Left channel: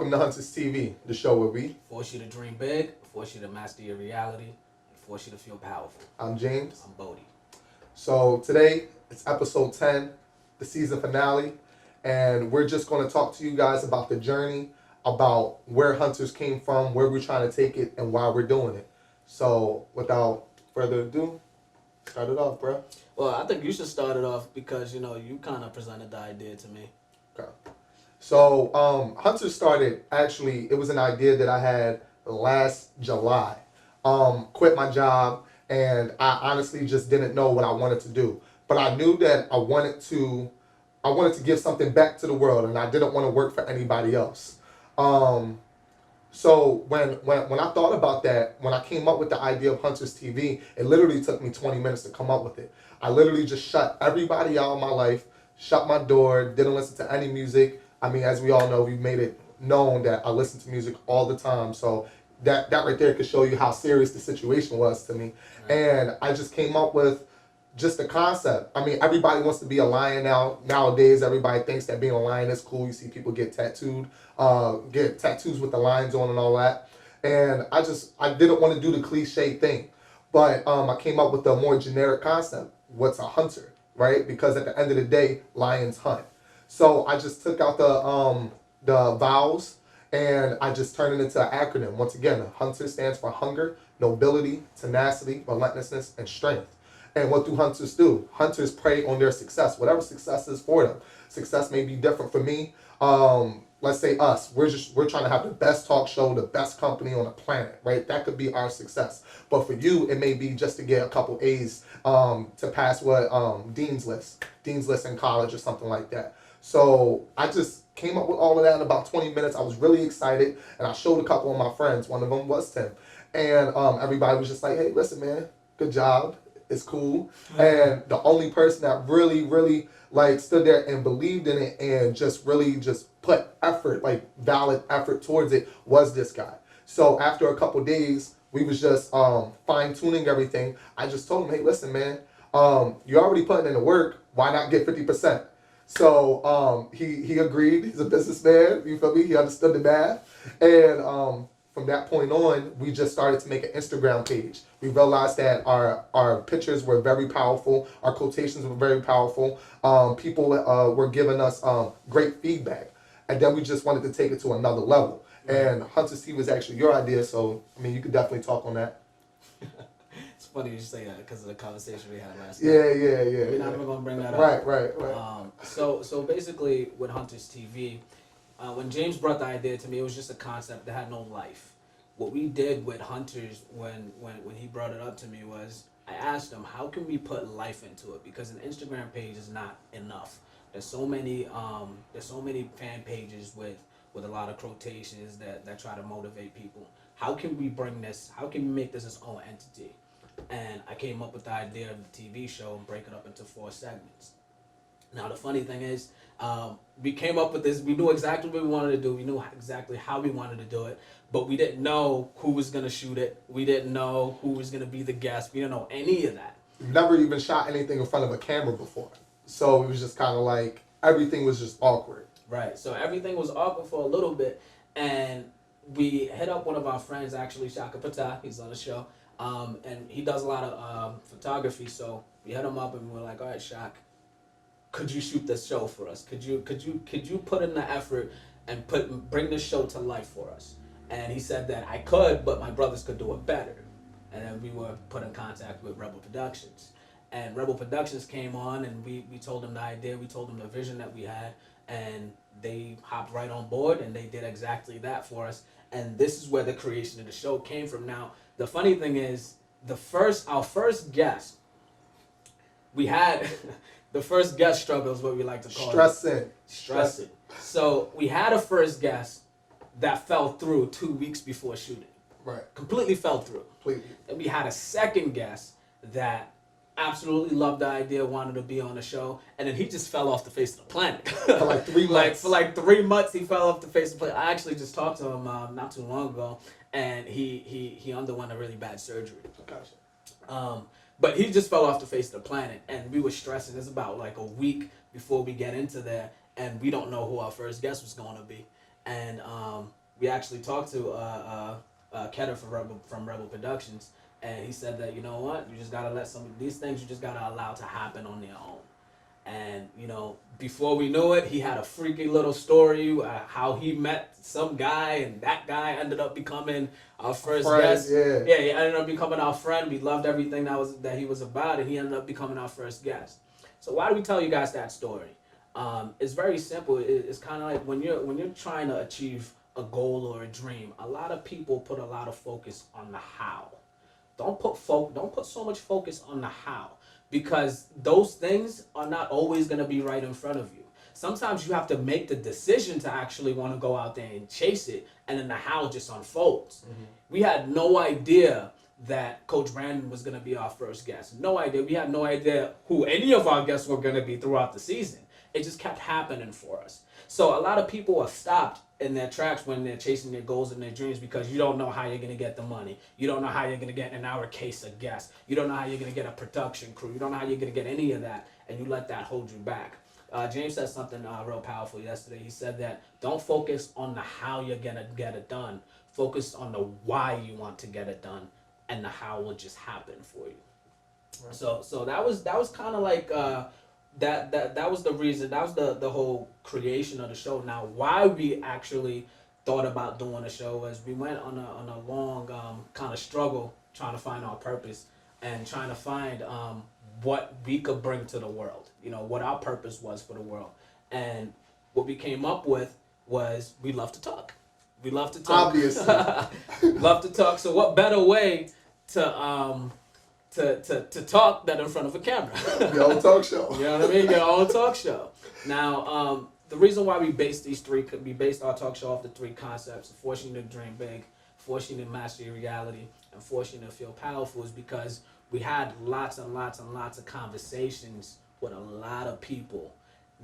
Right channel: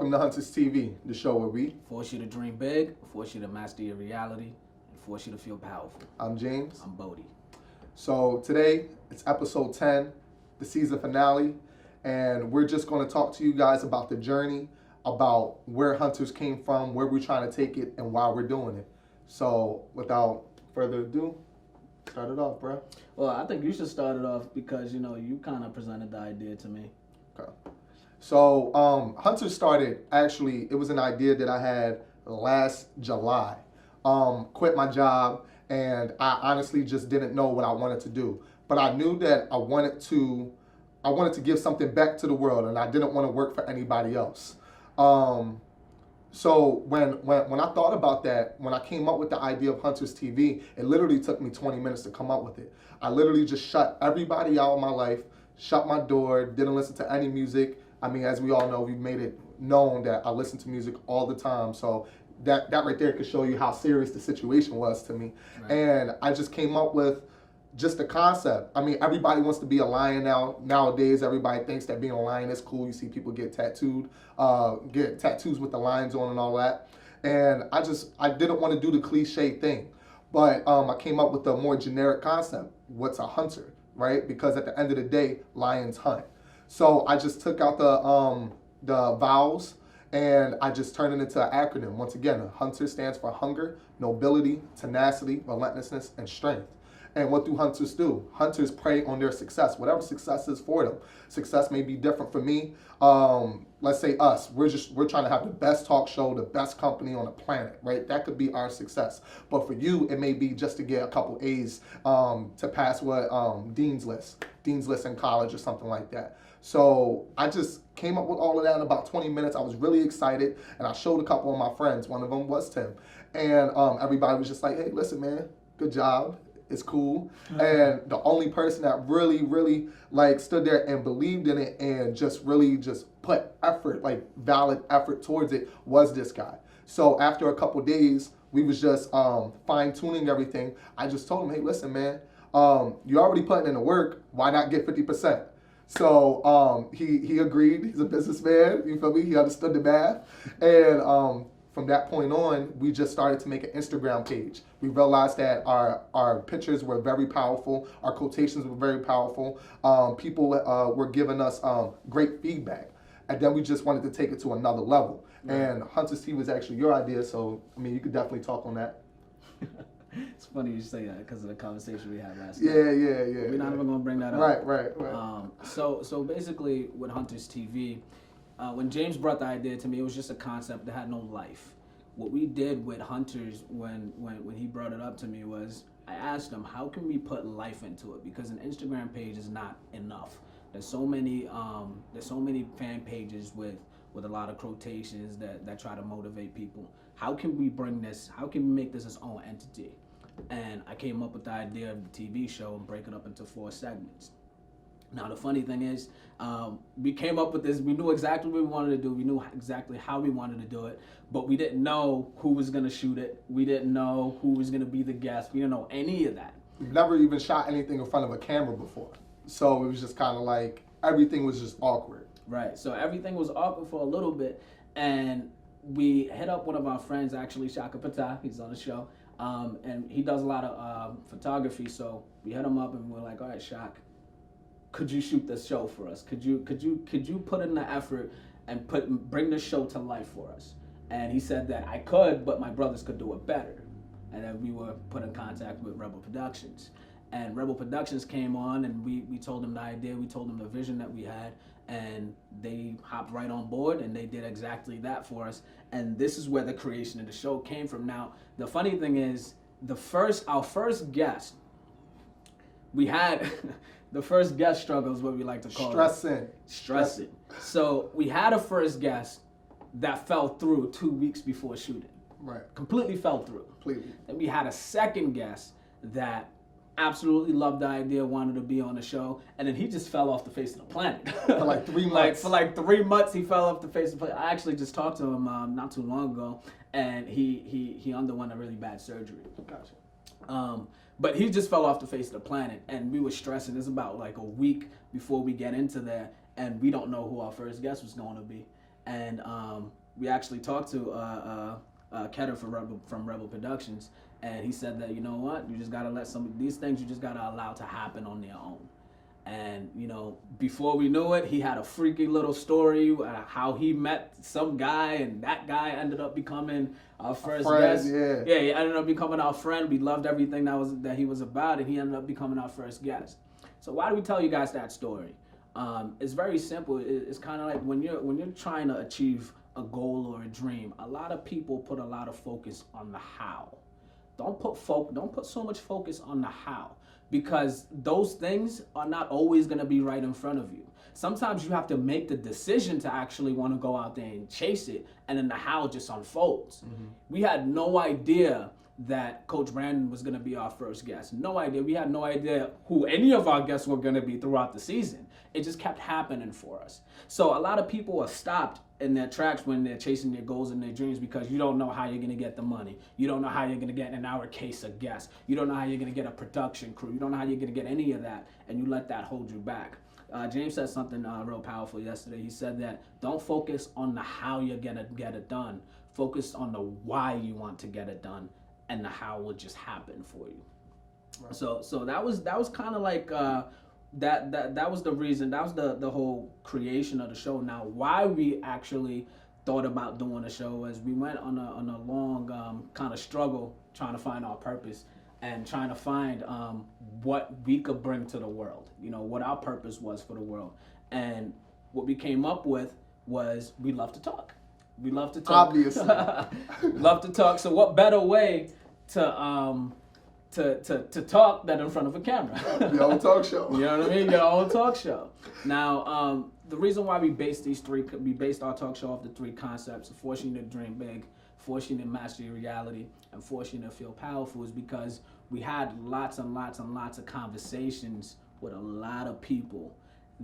Welcome to Hunters TV, the show where we. Force you to dream big, force you to master your reality, and force you to feel powerful. I'm James. I'm Bodie. So today, it's episode 10, the season finale, and we're just going to talk to you guys about the journey, about where Hunters came from, where we're trying to take it, and why we're doing it. So without further ado, start it off, bro. Well, I think you should start it off because, you kind of presented the idea to me. Okay. So Hunters started, actually, it was an idea that I had last July. Quit my job, and I honestly just didn't know what I wanted to do. But I knew that I wanted to give something back to the world, and I didn't want to work for anybody else. So when I thought about that, when I came up with the idea of Hunters TV, it literally took me 20 minutes to come up with it. I literally just shut everybody out of my life, shut my door, didn't listen to any music. I mean, as we all know, we've made it known that I listen to music all the time. So that right there could show you how serious the situation was to me. Right. And I just came up with just the concept. I mean, everybody wants to be a lion nowadays. Everybody thinks that being a lion is cool. You see people get tattoos with the lions on and all that. And I didn't want to do the cliche thing. But I came up with a more generic concept. What's a hunter, right? Because at the end of the day, lions hunt. So I just took out the vowels and I just turned it into an acronym. Once again, hunter stands for hunger, nobility, tenacity, relentlessness, and strength. And what do hunters do? Hunters prey on their success, whatever success is for them. Success may be different for me. Let's say us. We're trying to have the best talk show, the best company on the planet, right? That could be our success. But for you, it may be just to get a couple A's to pass Dean's List in college or something like that. So I just came up with all of that in about 20 minutes. I was really excited, and I showed a couple of my friends. One of them was Tim. And everybody was just like, hey, listen, man, good job. It's cool. And the only person that really, really stood there and believed in it and just really just put effort, valid effort towards it was this guy. So after a couple days, we was just fine tuning everything. I just told him, hey, listen, man, you're already putting in the work. Why not get 50%? So he agreed. He's a businessman. You feel me? He understood the math. And from that point on, we just started to make an Instagram page. We realized that our pictures were very powerful. Our quotations were very powerful. People were giving us great feedback. And then we just wanted to take it to another level. And Hunters TV was actually your idea, so, I mean, you could definitely talk on that. It's funny you say that because of the conversation we had last night. Yeah. We're not even going to bring that up. Right. So basically, with Hunters TV, when James brought the idea to me, it was just a concept that had no life. What we did with Hunters when he brought it up to me was I asked him, how can we put life into it? Because an Instagram page is not enough. There's so many fan pages with a lot of quotations that try to motivate people. How can we make this its own entity? And I came up with the idea of the TV show and break it up into 4 segments. Now, the funny thing is, we came up with this. We knew exactly what we wanted to do. We knew exactly how we wanted to do it, but we didn't know who was going to shoot it. We didn't know who was going to be the guest. We didn't know any of that. We've never even shot anything in front of a camera before. So it was just kind of everything was just awkward. Right. So everything was awkward for a little bit, and we hit up one of our friends, actually, Shaka Patah. He's on the show, and he does a lot of photography. So we hit him up, and we were like, all right, Shaka, could you shoot this show for us? Could you put in the effort and bring this show to life for us? And he said that I could, but my brothers could do it better. And then we were put in contact with Rebel Productions. And Rebel Productions came on, and we told them the idea, we told them the vision that we had, and they hopped right on board, and they did exactly that for us. And this is where the creation of the show came from. Now, the funny thing is, our first guest, we had... The first guest struggle is what we like to call it. Stressing. So we had a first guest that fell through 2 weeks before shooting. Right. Completely fell through. Completely. Then we had a second guest that absolutely loved the idea, wanted to be on the show, and then he just fell off the face of the planet. For 3 months. For 3 months, he fell off the face of the planet. I actually just talked to him not too long ago, and he underwent a really bad surgery. Gotcha. But he just fell off the face of the planet, and we were stressing. It's about a week before we get into there, and we don't know who our first guest was going to be. and we actually talked to Ketter from Rebel Productions, and he said that, you know what, you just gotta let some of these things, you just gotta allow to happen on their own. And you know, before we knew it, he had a freaky little story how he met some guy, and that guy ended up becoming our first guest. Yeah, he ended up becoming our friend. We loved everything that he was about, and he ended up becoming our first guest. So why do we tell you guys that story? It's very simple. It's kind of like when you're trying to achieve a goal or a dream. A lot of people put a lot of focus on the how. Don't put so much focus on the how, because those things are not always going to be right in front of you. Sometimes you have to make the decision to actually want to go out there and chase it, and then the how just unfolds. Mm-hmm. We had no idea that Coach Brandon was going to be our first guest. No idea. We had no idea who any of our guests were going to be throughout the season. It just kept happening for us. So a lot of people are stopped in their tracks when they're chasing their goals and their dreams, because you don't know how you're going to get the money. You don't know how you're going to get, in our case, a guest. You don't know how you're going to get a production crew. You don't know how you're going to get any of that, and you let that hold you back. James said something real powerful yesterday. He said that don't focus on the how you're going to get it done. Focus on the why you want to get it done, and the how will just happen for you. Right. So that was kind of like that was the reason. That was the whole creation of the show. Now, why we actually thought about doing the show was we went on a long kind of struggle trying to find our purpose and trying to find what we could bring to the world. You know, what our purpose was for the world. And what we came up with was we love to talk. We love to talk. Obviously. Love to talk. So what better way to talk than in front of a camera? Your own talk show. You know what I mean? Your own talk show. Now, the reason why we based our talk show off the three concepts: forcing you to dream big, forcing you to master your reality, and forcing you to feel powerful, is because we had lots and lots and lots of conversations with a lot of people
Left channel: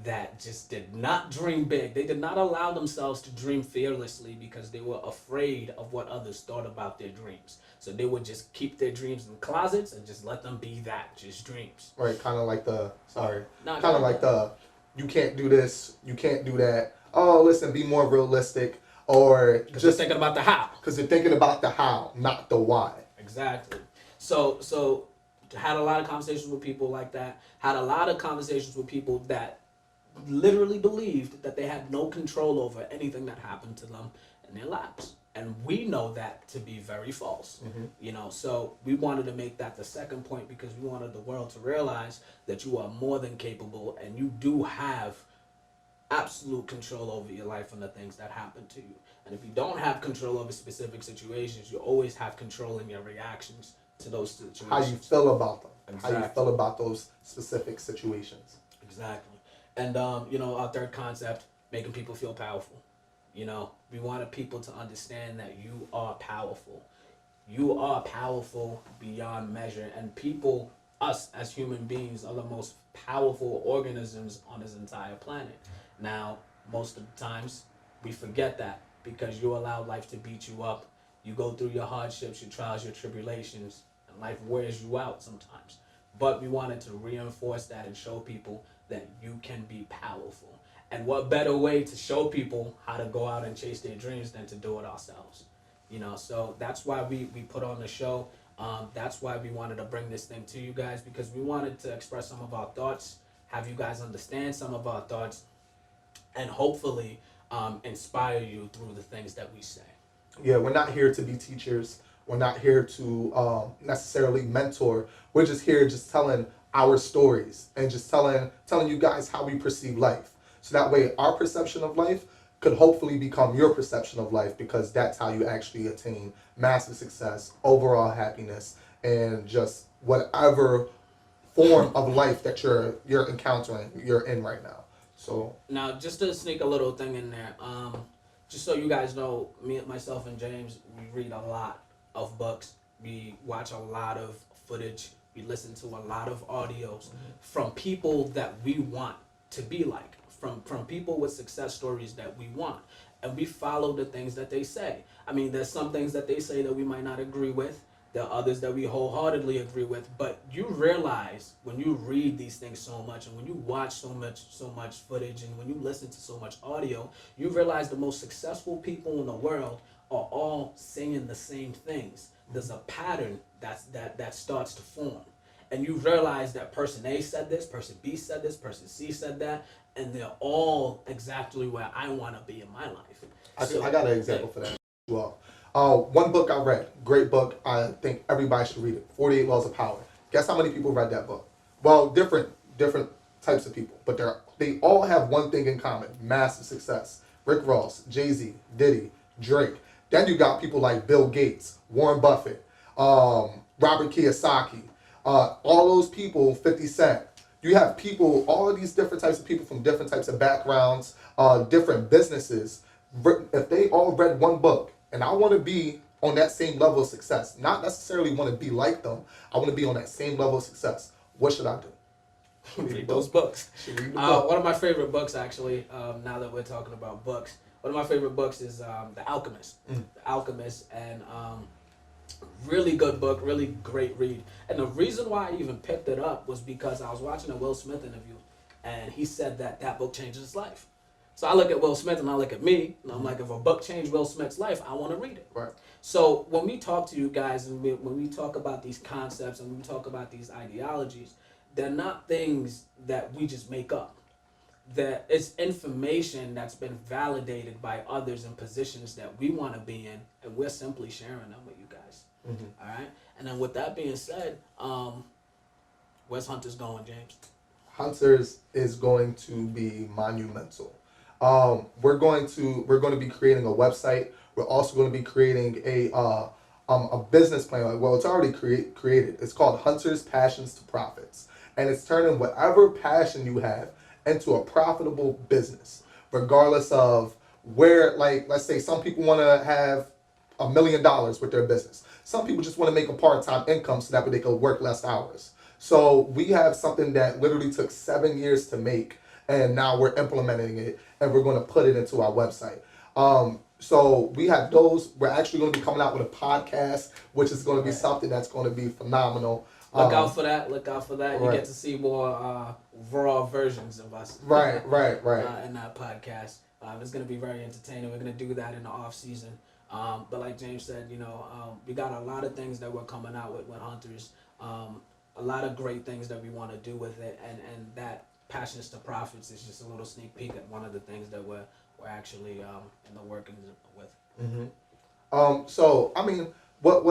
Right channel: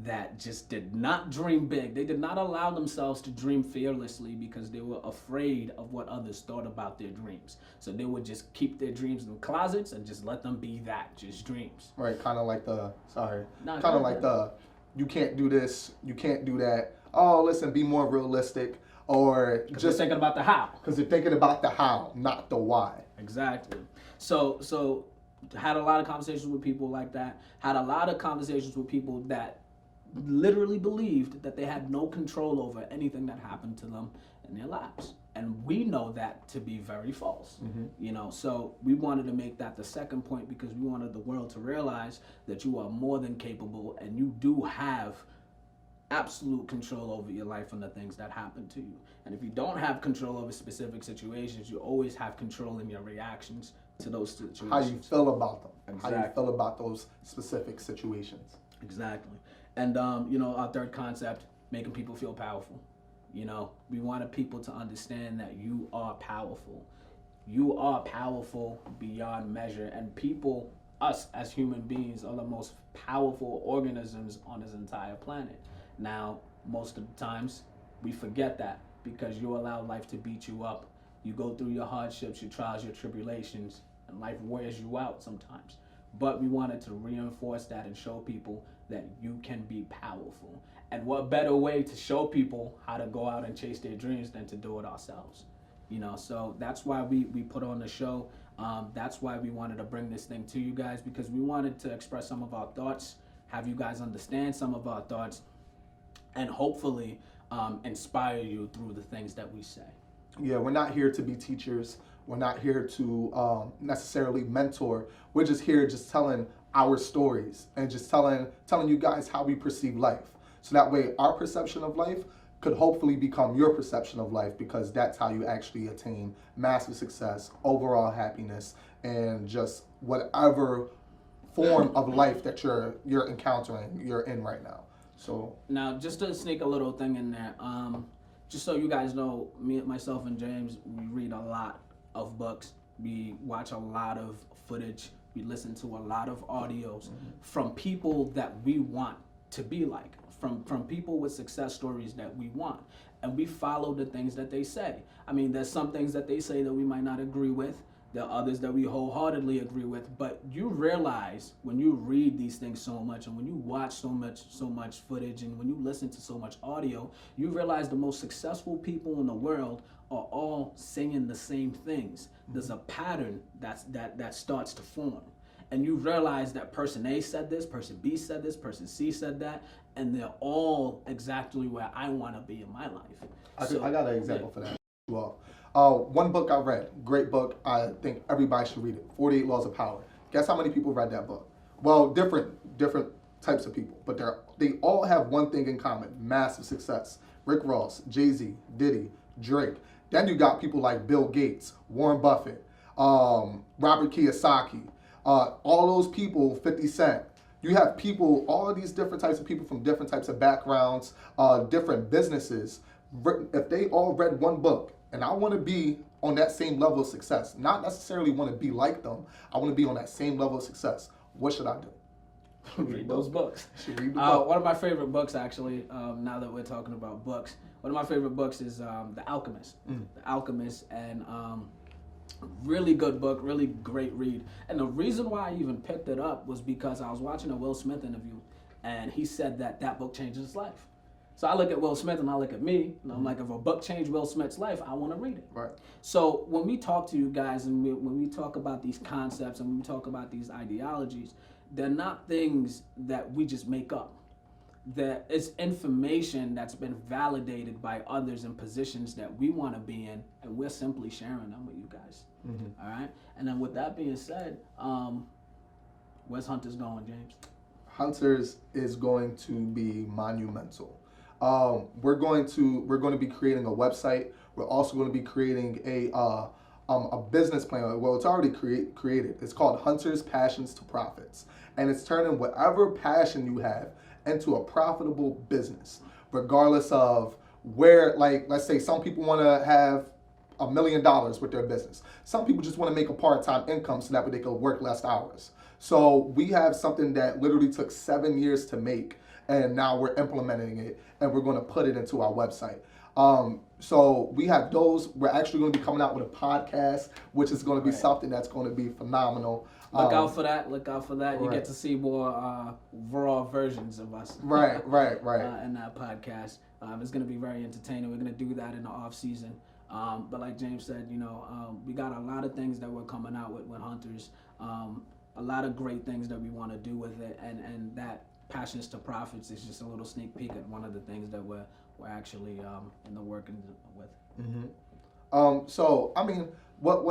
that just did not dream big. They did not allow themselves to dream fearlessly because they were afraid of what others thought about their dreams. So they would just keep their dreams in closets and just let them be that, just dreams. Right, kind of like you can't do this, you can't do that. Oh, listen, be more realistic. Or just thinking about the how. Because they're thinking about the how, not the why. Exactly. So had a lot of conversations with people like that. Had a lot of conversations with people that literally believed that they had no control over anything that happened to them in their lives. And we know that to be very false. Mm-hmm. You know, so we wanted to make that the second point, because we wanted the world to realize that you are more than capable, and you do have absolute control over your life and the things that happen to you. And if you don't have control over specific situations, you always have control in your reactions to those situations. How you feel about them. Exactly. How you feel about those specific situations. Exactly. And you know, our third concept, making people feel powerful. You know, we wanted people to understand that you are powerful. You are powerful beyond measure, and people, us as human beings, are the most powerful organisms on this entire planet. Now, most of the times, we forget that because you allow life to beat you up. You go through your hardships, your trials, your tribulations, and life wears you out sometimes. But we wanted to reinforce that and show people that you can be powerful. And what better way to show people how to go out and chase their dreams than to do it ourselves? You know, so that's why we put on the show. That's why we wanted to bring this thing to you guys, because we wanted to express some of our thoughts, have you guys understand some of our thoughts, and hopefully inspire you through the things that we say. Yeah, we're not here to be teachers. We're not here to necessarily mentor. We're just here just telling our stories and just telling you guys how we perceive life. So that way our perception of life could hopefully become your perception of life, because that's how you actually attain massive success, overall happiness, and just whatever form of life that you're encountering, you're in right now. So now, just to sneak a little thing in there, just so you guys know, myself and James, we read a lot of books, we watch a lot of footage, we listen to a lot of audios from people that we want to be like, from people with success stories that we want, and we follow the things that they say. I mean, there's some things that they say that we might not agree with. There are others that we wholeheartedly agree with. But you realize when you read these things so much, and when you watch so much footage, and when you listen to so much audio, you realize the most successful people in the world are all saying the same things. There's a pattern that starts to form. And you realize that person A said this, person B said this, person C said that, and they're all exactly where I want to be in my life. I got an example for that as well. One book I read, great book. I think everybody should read it. 48 Laws of Power. Guess how many people read that book? Well, different types of people, but they all have one thing in common: massive success. Rick Ross, Jay-Z, Diddy, Drake. Then you got people like Bill Gates, Warren Buffett, Robert Kiyosaki. All those people, 50 Cent. You have people, all of these different types of people from different types of backgrounds, different businesses. If they all read one book, and I want to be on that same level of success, not necessarily want to be like them, I want to be on that same level of success, what should I do? Read those books. Read the book. One of my favorite books, actually, now that we're talking about books, one of my favorite books is The Alchemist. The Alchemist, and really good book, really great read. And the reason why I even picked it up was because I was watching a Will Smith interview, and he said that book changed his life. So I look at Will Smith and I look at me, and I'm like, if a book changed Will Smith's life, I want to read it. Right. So when we talk to you guys, and when we talk about these concepts and we talk about these ideologies, they're not things that we just make up. That it's information that's been validated by others in positions that we want to be in, and we're simply sharing them with you guys. All right. And then with that being said, where's Hunters going, James? Hunters is going to be monumental. We're going to be creating a website. We're also going to be creating a business plan. Well, it's already created. It's called Hunters Passions to Profits, and it's turning whatever passion you have into a profitable business, regardless of where. Like, let's say some people want to have $1 million with their business. Some people just want to make a part-time income so that way they can work less hours. So we have something that literally took 7 years to make, and now we're implementing it, and we're going to put it into our website. So we have those. We're actually going to be coming out with a podcast, which is going to be something that's going to be phenomenal. Look out for that. Look out for that. You Right. get to see more raw versions of us. Right. In that podcast. It's going to be very entertaining. We're going to do that in the off season. But like James said, we got a lot of things that we're coming out with Hunters. A lot of great things that we want to do with it, and that Passions to Profits is just a little sneak peek at one of the things that we're actually in the working with. So I mean, what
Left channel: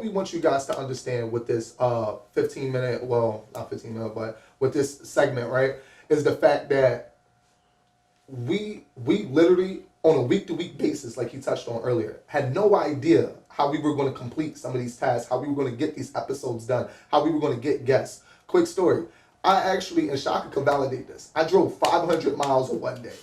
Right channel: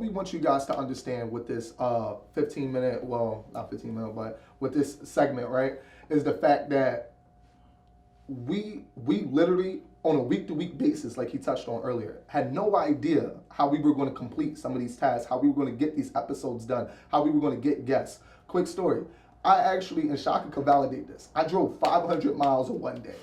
we want you guys to understand with this 15-minute, well, not 15-minute, but with this segment, right, is the fact that we literally on a week-to-week basis, like he touched on earlier, had no idea how we were going to complete some of these tasks, how we were going to get these episodes done, how we were going to get guests. Quick story. I actually, and Shaka can validate this, I drove 500 miles in one day.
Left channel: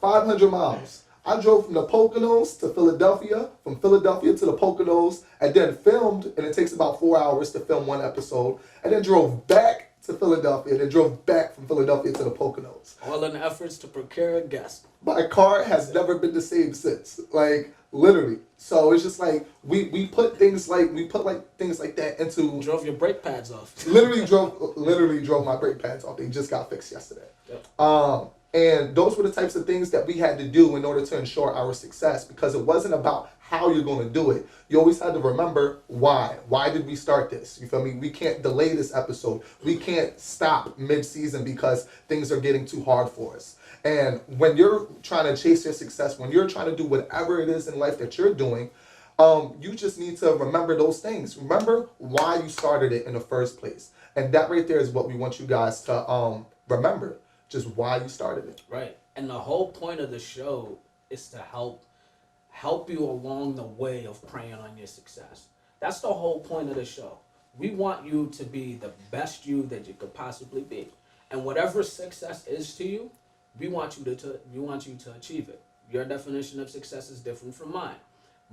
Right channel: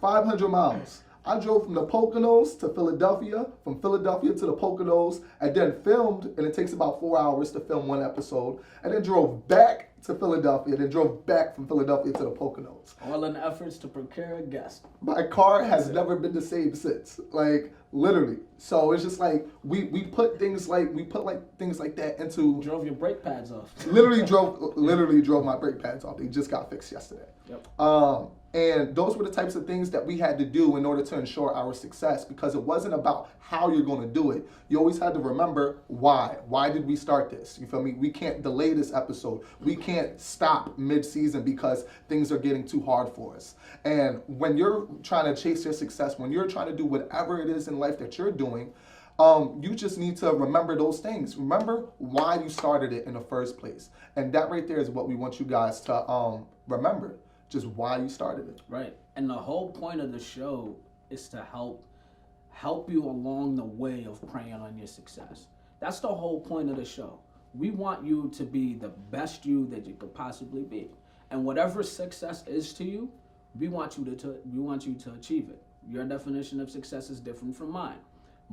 500 miles. I drove from the Poconos to Philadelphia, from Philadelphia to the Poconos, and then filmed, and it takes about 4 hours to film one episode, and then drove back to Philadelphia, then drove back from Philadelphia to the Poconos. All in efforts to procure a guest. My car has never been the same since. Like, literally. So it's just like we put things like that into. Drove your brake pads off. literally drove my brake pads off. They just got fixed yesterday. Yep. And those were the types of things that we had to do in order to ensure our success, because it wasn't about how you're going to do it. You always had to remember why. Why did we start this? You feel me? We can't delay this episode. We can't stop mid-season because things are getting too hard for us. And when you're trying to chase your success, when you're trying to do whatever it is in life that you're doing, you just need to remember those things. Remember why you started it in the first place. And that right there is what we want you guys to remember. Just why you started it. Right. And the whole point of the show is to help you along the way of preying on your success. That's the whole point of the show. We want you to be the best you that you could possibly be. And whatever success is to you, we want you to achieve it. Your definition of success is different from mine.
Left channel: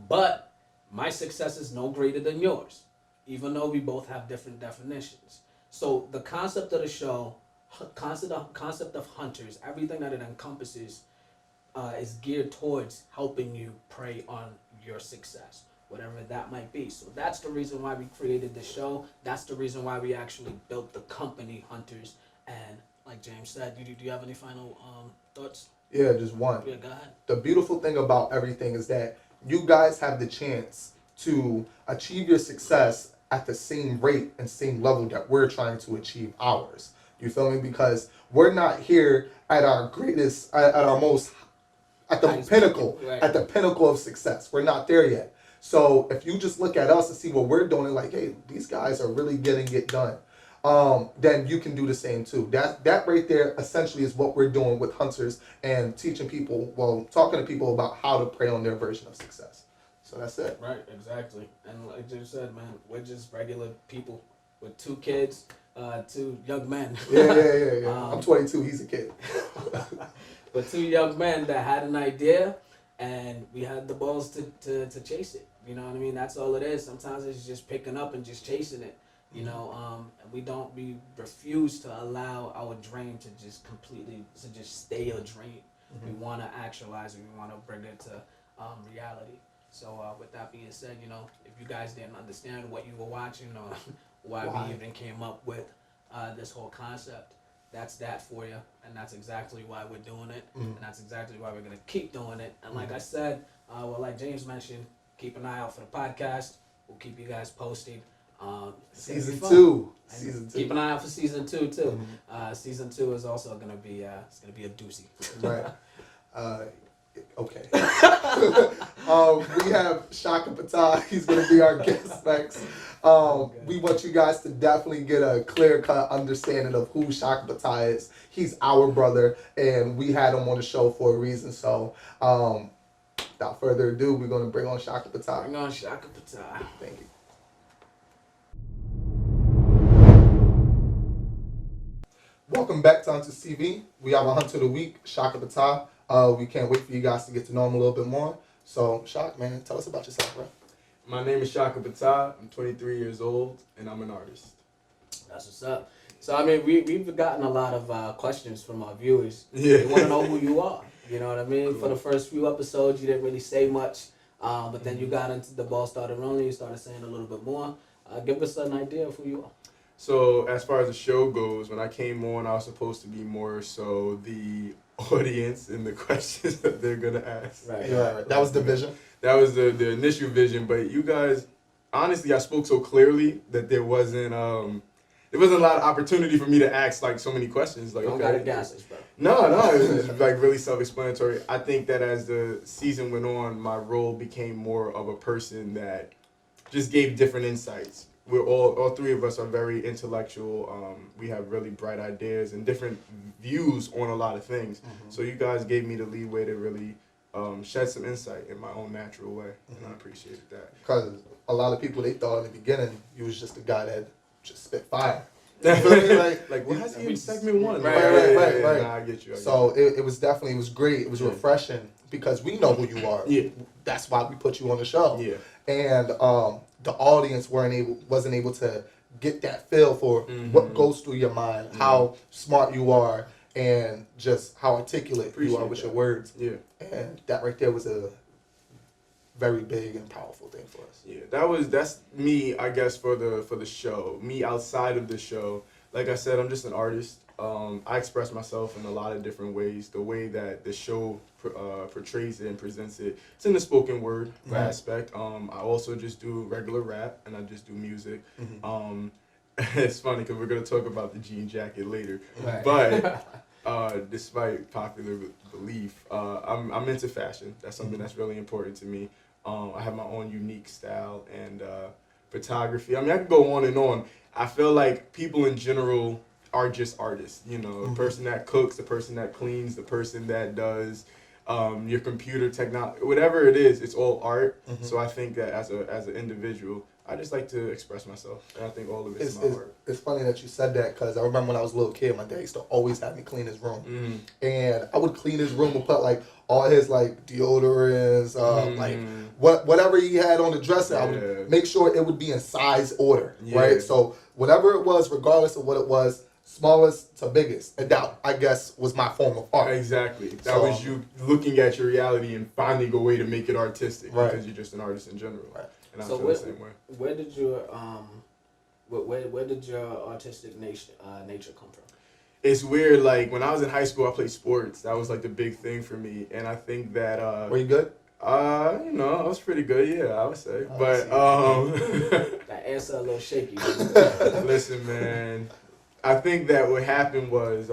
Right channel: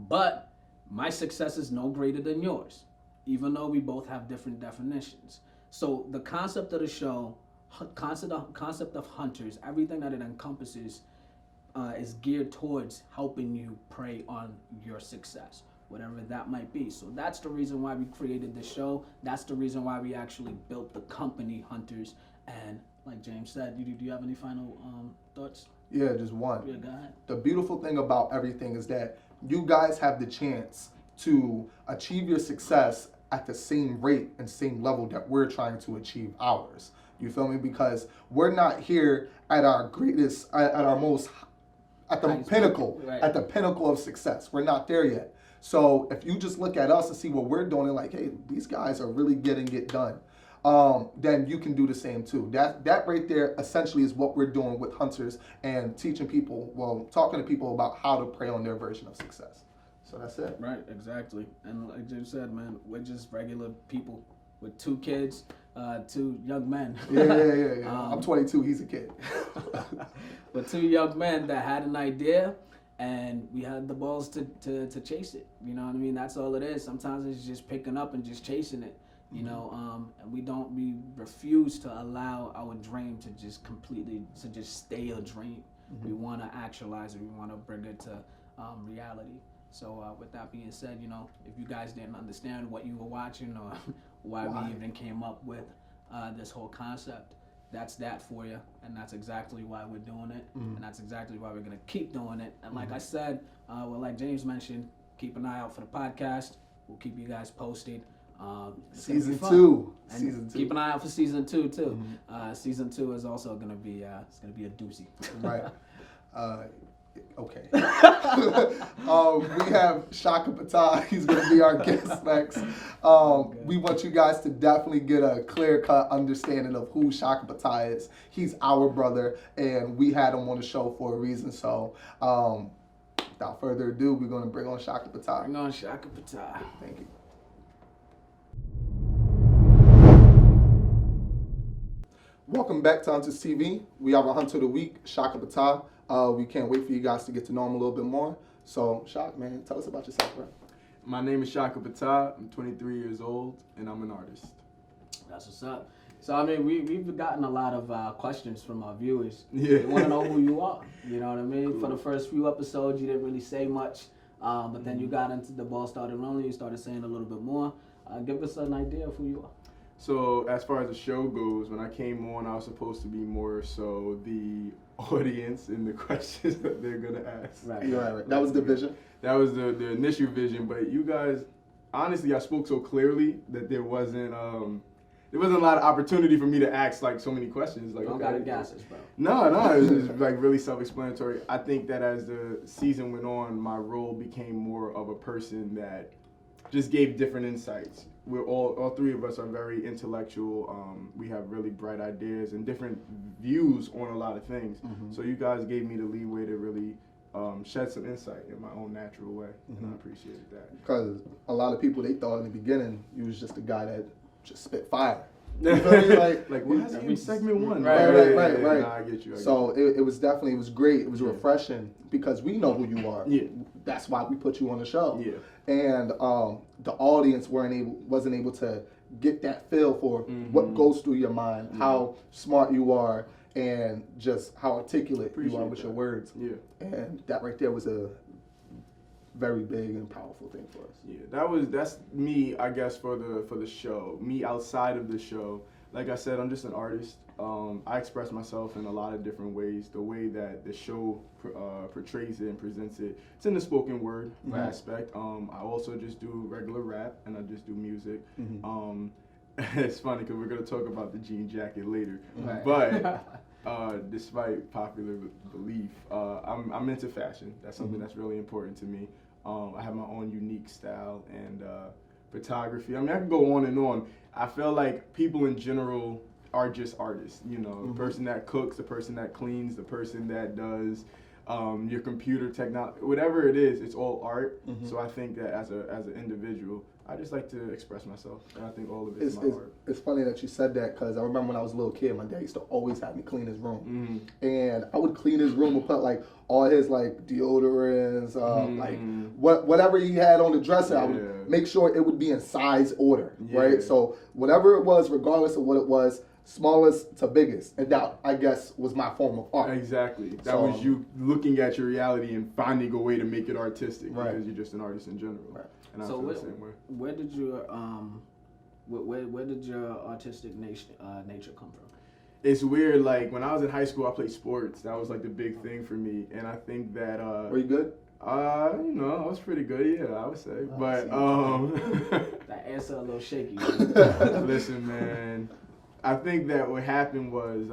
But my success is no greater than yours, even though we both have different definitions. So the concept of the show, concept of Hunters, everything that it encompasses is geared towards helping you prey on your success. whatever that might be. So that's the reason why we created the show. That's the reason why we actually built the company Hunters. And like James said, do you have any final thoughts? Yeah, just one. Yeah, go ahead. The beautiful thing about everything is that you guys have the chance to achieve your success at the same rate and same level that we're trying to achieve ours. You feel me? Because we're not here at our greatest, at our most, at the pinnacle, right. at the pinnacle of success. We're not there yet. So if you just look at us and see what we're doing, like, hey, these guys are really getting it done, then you can do the same too. That right there essentially is what we're doing with Hunters and teaching people, well, talking to people about how to prey on their version of success. So that's it. Right, exactly. And like you said, man, we're just regular people with 2 kids, 2 young men. Yeah. I'm 22. He's a kid. But 2 young men that had an idea, and we had the balls to chase it. You know what I mean? That's all it is. Sometimes it's just picking up and just chasing it. You know, and we refuse to allow our dream to just stay a dream. We want to actualize it. We want to bring it to reality. So with that being said, you know, if you guys didn't understand what you were watching or why we even came up with this whole concept, that's that for you. And that's exactly why we're doing it. And that's exactly why we're going to keep doing it. And like I said, well, like James mentioned, keep an eye out for the podcast. We'll keep you guys posted. Season 2. And Season 2. keep an eye out for season 2 too. Season 2 is also gonna be it's gonna be a doozy. Right. Okay. We have Shaka Patah. He's gonna be our guest next. We want you guys to definitely get a clear-cut understanding of who Shaka Patah is. He's our brother, and we had him on the show for a reason. So, without further ado, we're gonna bring on Shaka Patah. Bring on Shaka Patah. Thank you. Welcome back to Hunters TV. We have a Hunter of the Week, Shaka Patah. We can't wait for you guys to get to know him a little bit more. So, Shaka, man, tell us about yourself, bro. My name is Shaka Patah. I'm 23 years old, and I'm an artist. That's what's up. So, I mean, we've gotten a lot of questions from our viewers. Yeah. They want to know who you are. You know what I mean? Cool. For the first few episodes, you didn't really say much. But then you got into the ball started rolling. You started saying a little bit more. Give us an idea of who you are. So as far as the show goes, when I came on, I was supposed to be more so the audience and the questions that they're gonna ask. Right. Yeah, that was the vision. That was the initial vision. But you guys, honestly, I spoke so clearly that there wasn't a lot of opportunity for me to ask like so many questions. Like, Don't okay, gotta gas this, bro. No, it was like really self-explanatory. I think that as the season went on, my role became more of a person that just gave different insights. We're all 3 of us are very intellectual. We have really bright ideas and different views on a lot of things. So you guys gave me the leeway to really shed some insight in my own natural way, and I appreciated that. Because a lot of people, they thought in the beginning you was just a guy that just spit fire. You feel me? Like what has he in segment 1? Right. Nah, I get you. It was definitely, it was great. It was refreshing because we know who you are. Yeah. That's why we put you on the show. Yeah. And the audience wasn't able to get that feel for what goes through your mind, how smart you are, and just how articulate you are with your words. Yeah. And that right there was a very big and powerful thing for us. Yeah, that's me, I guess, for the show. Me outside of the show, like I said, I'm just an artist. I express myself in a lot of different ways. The way that the show portrays it and presents it, it's in the spoken word aspect. I also just do regular rap, and I just do music. It's funny because we're gonna talk about the jean jacket later, but despite popular belief, I'm into fashion. That's something that's really important to me. I have my own unique style and photography. I mean, I could go on and on. I feel like people in general are just artists. You know, the person that cooks, the person that cleans, the person that does your computer technology, whatever it is, it's all art. So I think that as an individual, I just like to express myself, and I think all of it's my art. It's funny that you said that because I remember when I was a little kid, my dad used to always have me clean his room, and I would clean his room and put like all his like deodorants, like whatever he had on the dresser. I would make sure it would be in size order, right? So whatever it was, regardless of what it was, smallest to biggest, and that, I guess, was my form of art. Exactly. That was you looking at your reality and finding a way to make it artistic because you're just an artist in general. Right. and I So feel the same way. where did your where did your artistic nature come from? It's weird. Like when I was in high school, I played sports. That was like the big thing for me, and I think that Were you good? you know, I was pretty good. Yeah, I would say. I But That answer a little shaky. listen, man. I think that what happened was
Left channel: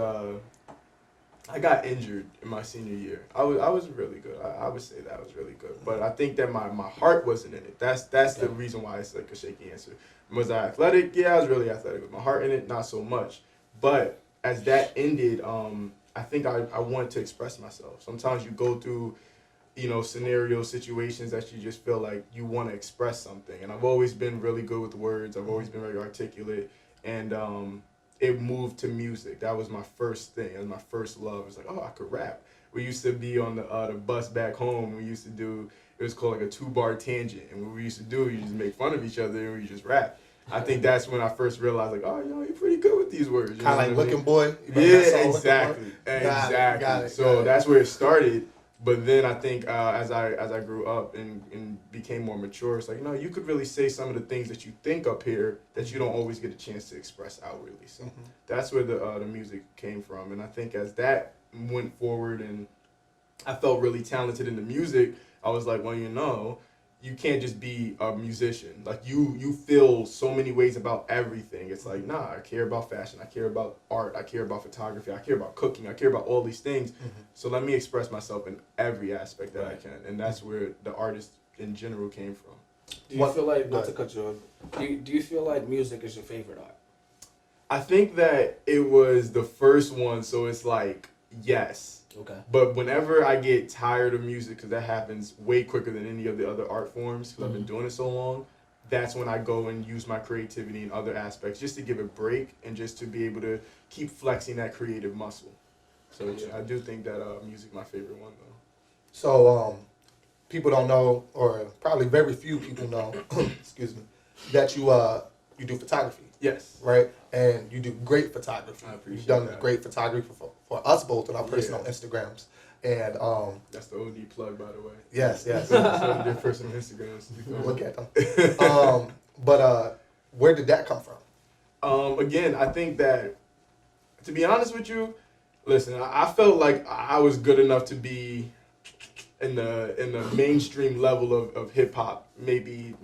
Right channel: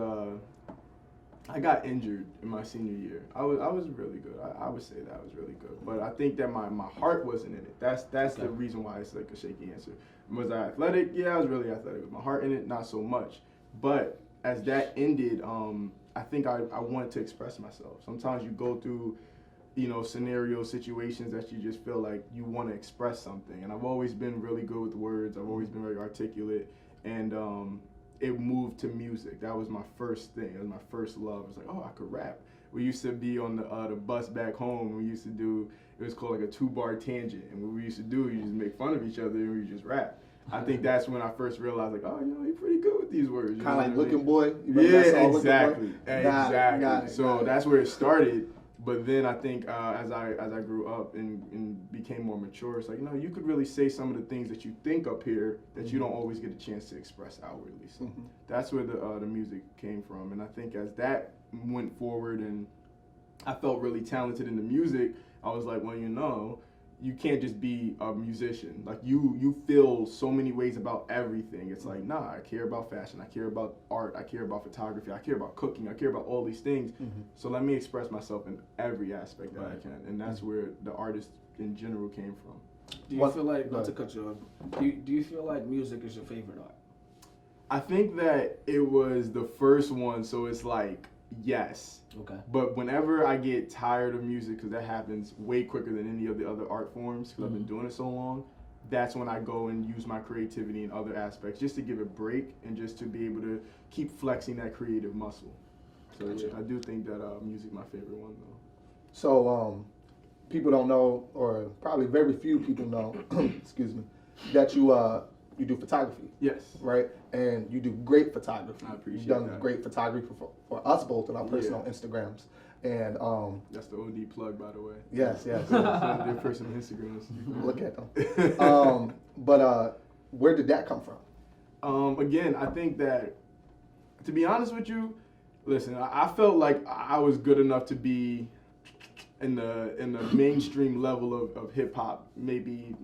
I got injured in my senior year. I was really good. I would say that I was really good. But I think that my heart wasn't in it. That's the reason why it's like a shaky answer. Was I athletic? Yeah, I was really athletic. With my heart in it, not so much. But as that ended, I think I wanted to express myself. Sometimes you go through, you know, scenarios, situations that you just feel like you want to express something. And I've always been really good with words. I've always been very articulate. And it moved to music. That was my first thing. It was my first love. It was like, oh, I could rap. We used to be on the bus back home. We used to do, it was called like a 2-bar tangent. And what we used to do, you just make fun of each other and we just rap. I think that's when I first realized, like, oh, you know, you're pretty good with these words. You Kind know of like what I mean? Looking Boy. You remember that Yeah, song, Looking Boy? exactly. Exactly. So that's where it started. But then I think as I grew up and became more mature, it's like, you know, you could really say some of the things that you think up here that you don't always get a chance to express outwardly. So that's where the music came from. And I think as that went forward and I felt really talented in the music, I was like, well, you know, you can't just be a musician. Like you feel so many ways about everything. It's like, nah, I care about fashion. I care about art. I care about photography. I care about cooking. I care about all these things. So let me express myself in every aspect that I can. And that's where the artist in general came from. Do you feel like, not to cut you off, do you feel like music is your favorite art? I think that it was the first one, so it's like, yes. Okay. But whenever I get tired of music, because that happens way quicker than any of the other art forms, because I've been doing it so long, that's when I go and use my creativity in other aspects, just to give a break and just to be able to keep flexing that creative muscle. So yeah, I do think that music my favorite one though. So people don't know, or probably very few people know, excuse me, that you do photography. Yes. Right? And you do great photography. I appreciate You've done that. great photography for us both on our personal Yeah. Instagrams. And That's the OD plug, by the way. yes. So their personal Instagrams. You feel me? Look at them. But where did that come from? Again, I think that, to be honest with you, listen, I felt like I was good enough to be in the mainstream level of hip hop maybe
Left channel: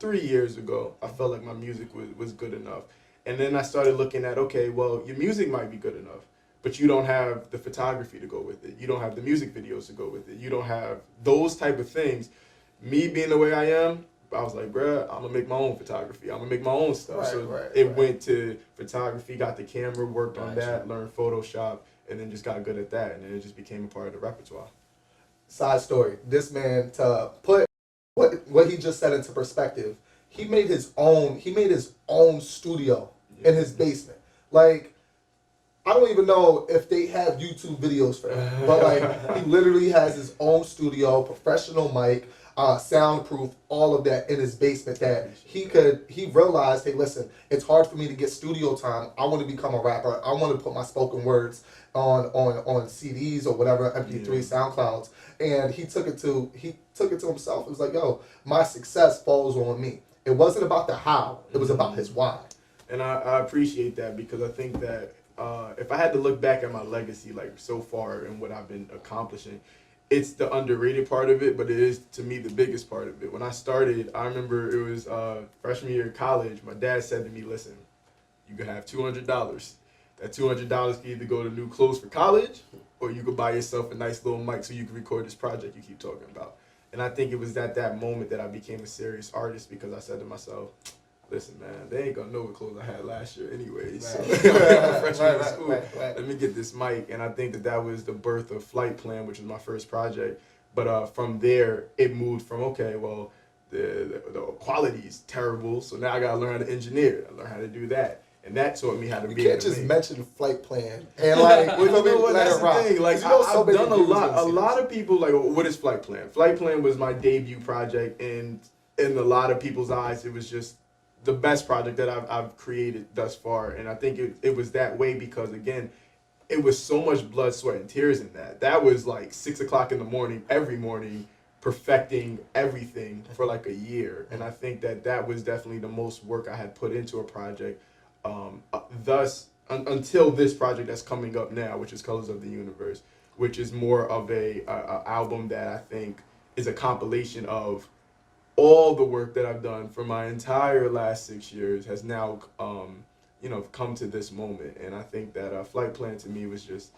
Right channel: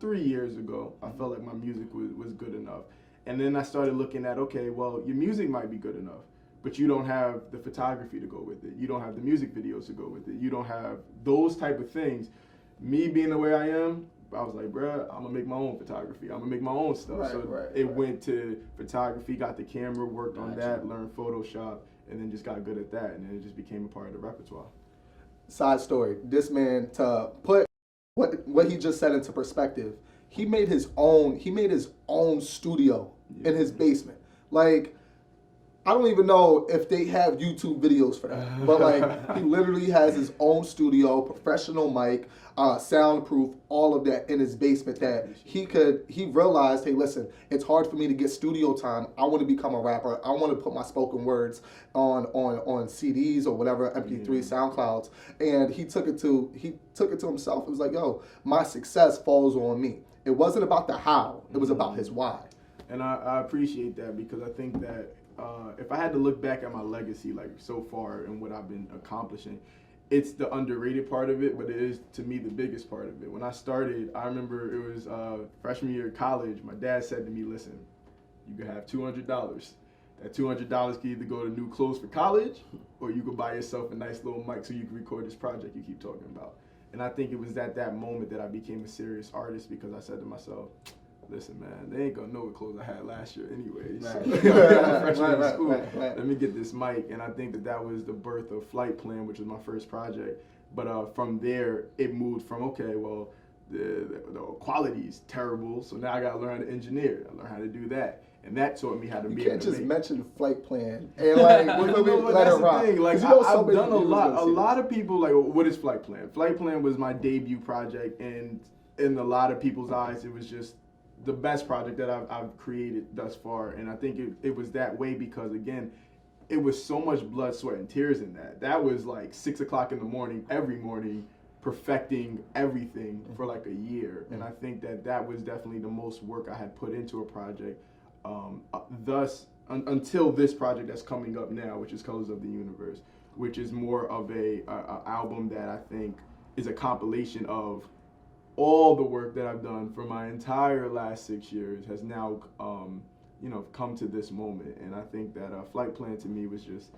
3 years ago. I felt like my music was good enough. And then I started looking at, okay, well, your music might be good enough, but you don't have the photography to go with it. You don't have the music videos to go with it. You don't have those type of things. Me being the way I am, I was like, bruh, I'm gonna make my own photography. I'm gonna make my own stuff. It went to photography, got the camera, worked on that, learned Photoshop, and then just got good at that. And then it just became a part of the repertoire. Side story. This man, to put what he just said into perspective, he made his own studio in his basement. Like, I don't even know if they have YouTube videos for that. But like, he literally has his own studio, professional mic, soundproof, all of that in his basement that he realized, hey, listen, it's hard for me to get studio time. I want to become a rapper. I want to put my spoken words on CDs or whatever, MP3, SoundClouds. And he took it to himself. It was like, yo, my success falls on me. It wasn't about the how, it was about his why. And I appreciate that, because I think that if I had to look back at my legacy, like so far and what I've been accomplishing, it's the underrated part of it, but it is, to me, the biggest part of it. When I started, I remember it was freshman year of college. My dad said to me, listen, you can have $200. That $200 can either go to new clothes for college, or you could buy yourself a nice little mic so you can record this project you keep talking about. And I think it was at that moment that I became a serious artist, because I said to myself, listen, man, they ain't gonna know what clothes I had last year anyways. Freshman in school. Let me get this mic. And I think that was the birth of Flight Plan, which was my first project. But from there, it moved from, okay, well, the quality is terrible, so now I gotta learn how to engineer. I learned how to do that. And that taught me how to be You can't just mention Flight Plan and like, well, you know what, that's the thing. Like, I've done a lot. A lot of of people like, what is Flight Plan? Flight Plan was my debut project, and in a lot of people's eyes, it was just the best project that I've created thus far. And I think it was that way because, again, it was so much blood, sweat, and tears in that. That was like 6 o'clock in the morning, every morning, perfecting everything for like a year. And I think that was definitely the most work I had put into a project. Until this project that's coming up now, which is Colors of the Universe, which is more of a album that I think is a compilation of all the work that I've done for my entire last 6 years has now, come to this moment. And I think that Flight Plan to me was just,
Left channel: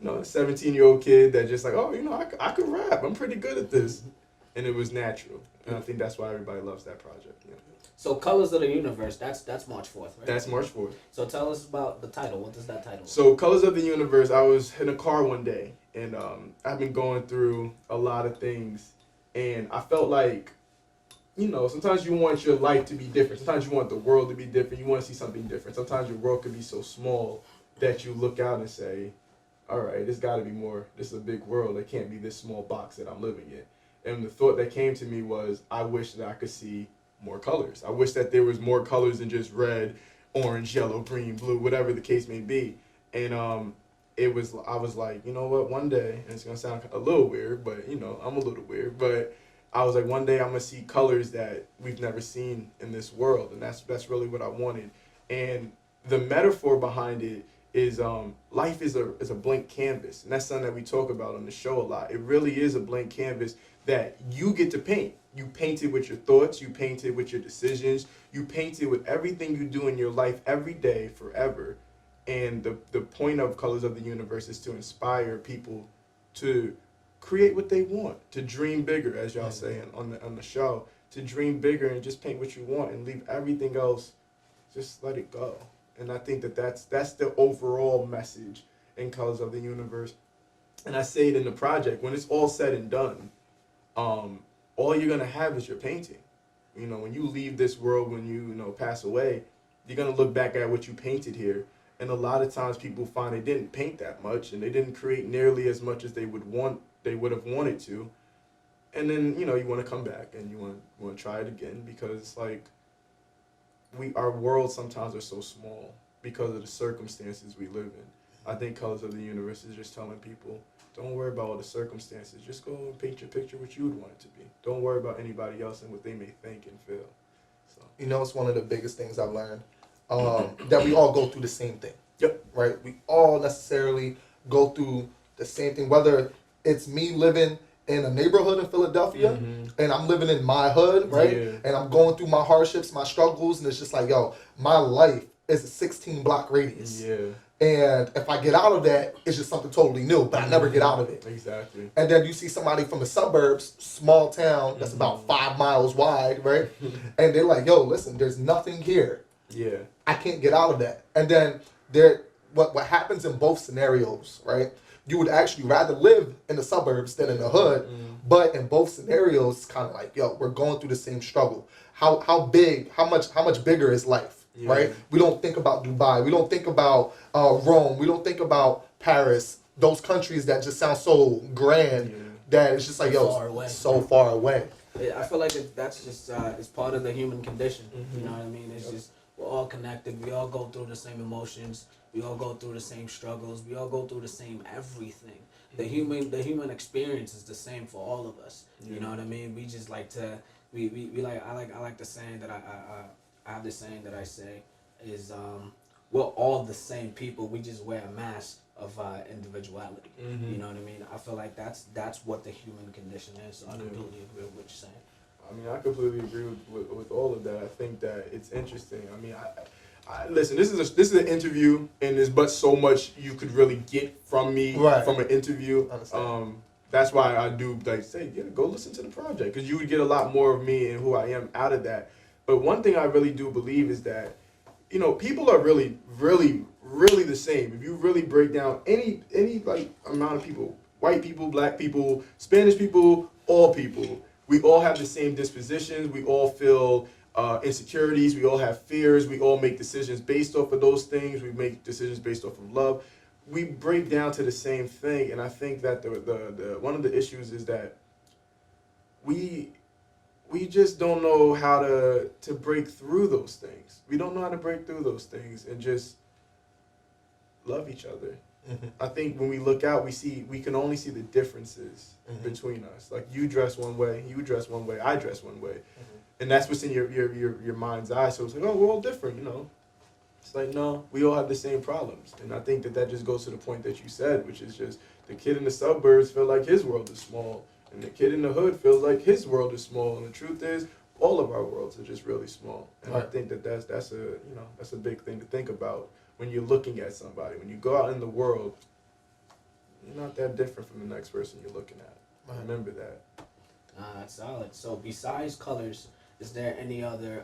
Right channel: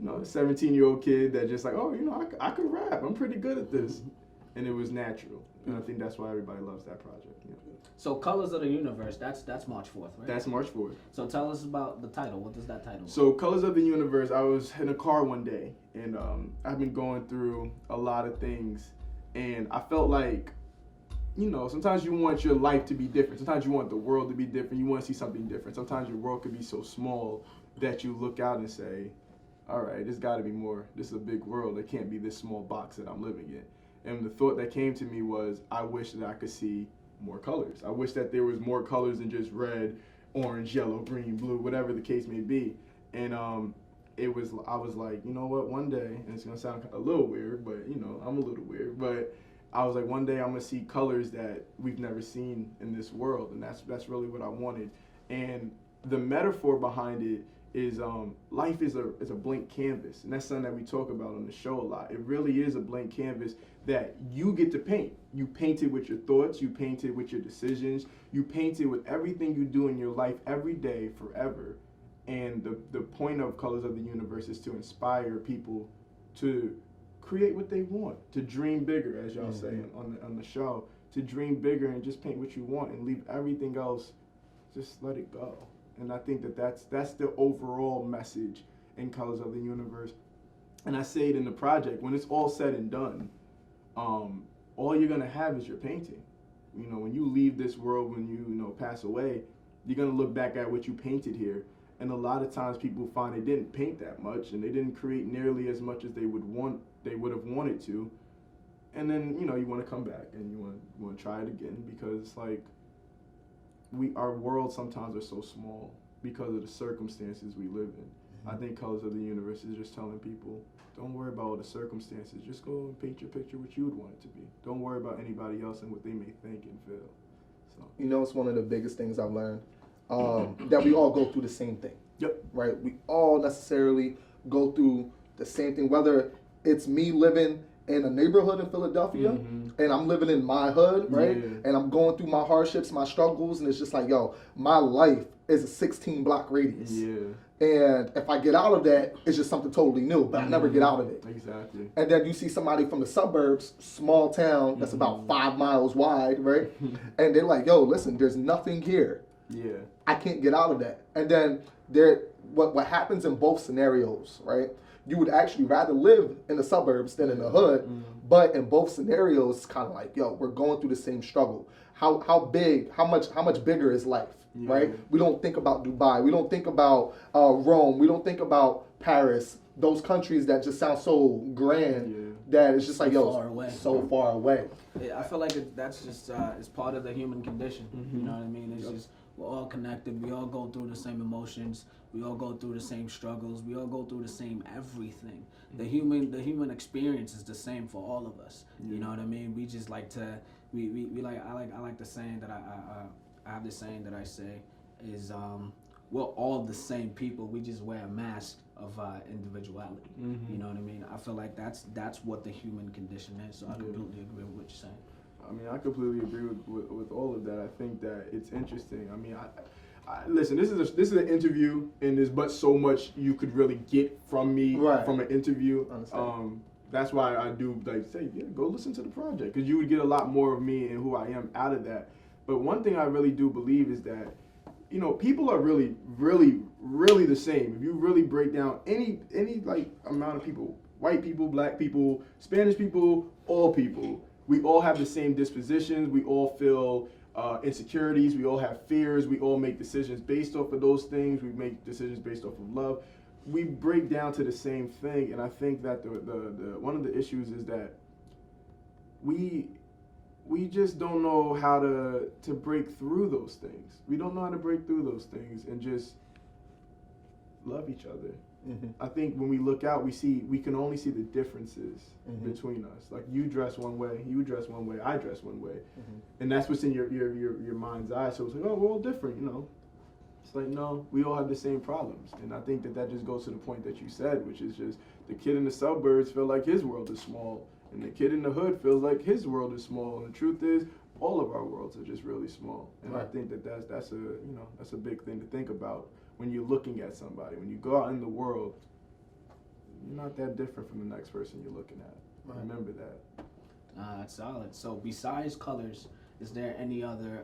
a 17-year-old kid that just like, oh, I could rap. I'm pretty good at this. And it was natural. And I think that's why everybody loves that project. Yeah. So Colors of the Universe, that's March 4th, right? That's March 4th. So tell us about the title. What does that title mean? So Colors of the Universe, I was in a car one day, and I've been going through a lot of things, and I felt like, sometimes you want your life to be different. Sometimes you want the world to be different. You want to see something different. Sometimes your world could be so small that you look out and say, all right, there's got to be more. This is a big world. It can't be this small box that I'm living in. And the thought that came to me was, I wish that I could see more colors. I wish that there was more colors than just red, orange, yellow, green, blue, whatever the case may be. And I was like, you know what, one day, and it's going to sound a little weird, but, I'm a little weird, but I was like, one day I'm going to see colors that we've never seen in this world, and that's really what I wanted. And the metaphor behind it is life is a blank canvas, and that's something that we talk about on the show a lot. It really is a blank canvas that you get to paint. You paint it with your thoughts, you paint it with your decisions, you paint it with everything you do in your life every day, forever. And the point of Colors of the Universe is to inspire people to create what they want, to dream bigger, as y'all say on the show, to dream bigger and just paint what you want and leave everything else, just let it go. And I think that's the overall message in Colors of the Universe. And I say it in the project, when it's all said and done, all you're gonna have is your painting. When you leave this world, when you pass away, you're gonna look back at what you painted here. And a lot of times people find they didn't paint that much and they didn't create nearly as much as they would have wanted to. And then, you want to come back and you want to try it again, because it's like our world sometimes are so small because of the circumstances we live in. I think Colors of the Universe is just telling people, don't worry about all the circumstances. Just go and paint your picture what you would want it to be. Don't worry about anybody else and what they may think and feel. So. It's one of the biggest things I've learned, that we all go through the same thing. Yep. Right? We all necessarily go through the same thing, whether it's me living in a neighborhood in Philadelphia and I'm living in my hood, right? Yeah. And I'm going through my hardships, my struggles, and it's just like, my life is a 16-block radius. Yeah. And if I get out of that, it's just something totally new, but I never get out of it. Exactly. And then you see somebody from the suburbs, small town, that's about 5 miles wide, right? And they're like, listen, there's nothing here. Yeah. I can't get out of that. And then what happens in both scenarios, right? You would actually rather live in the suburbs than in the hood, but in both scenarios, it's kind of like, we're going through the same struggle. How much bigger is life? Yeah. Right? We don't think about Dubai. We don't think about Rome. We don't think about Paris. Those countries that just sound so grand that it's just like, so far away. Yeah, I feel like that's just it's part of the human condition. You know what I mean? It's just we're all connected. We all go through the same emotions. We all go through the same struggles. We all go through the same everything. The human experience is the same for all of us. You know what I mean? We just like to I like the saying that I have this saying that I say is we're all the same people. We just wear a mask of individuality. You know what I mean? I feel like that's what the human condition is. So I completely agree with what you're saying. I mean, I completely agree with all of that. I think that it's interesting. I mean, I listen. This is an interview, and there's but so much you could really get from me from an interview. That's why I do say, go listen to the project, because you would get a lot more of me and who I am out of that. But one thing I really do believe is that, people are really, really, really the same. If you really break down any like amount of people, white people, black people, Spanish people, all people, we all have the same dispositions. We all feel insecurities. We all have fears. We all make decisions based off of those things. We make decisions based off of love. We break down to the same thing, and I think that the one of the issues is that we just don't know how to break through those things. We don't know how to break through those things and just love each other I think when we look out, we can only see the differences between us. Like you dress one way, you dress one way, I dress one way, and that's what's in your mind's eye. So it's like, oh, we're all different, you know. It's like, no, we all have the same problems, and I think that just goes to the point that you said, which is just the kid in the suburbs feel like his world is small, and the kid in the hood feels like his world is small, and the truth is, all of our worlds are just really small, and I think that's a big thing to think about when you're looking at somebody. When you go out in the world, you're not that different from the next person you're looking at. Remember that. That's solid. So besides Colors, is there any other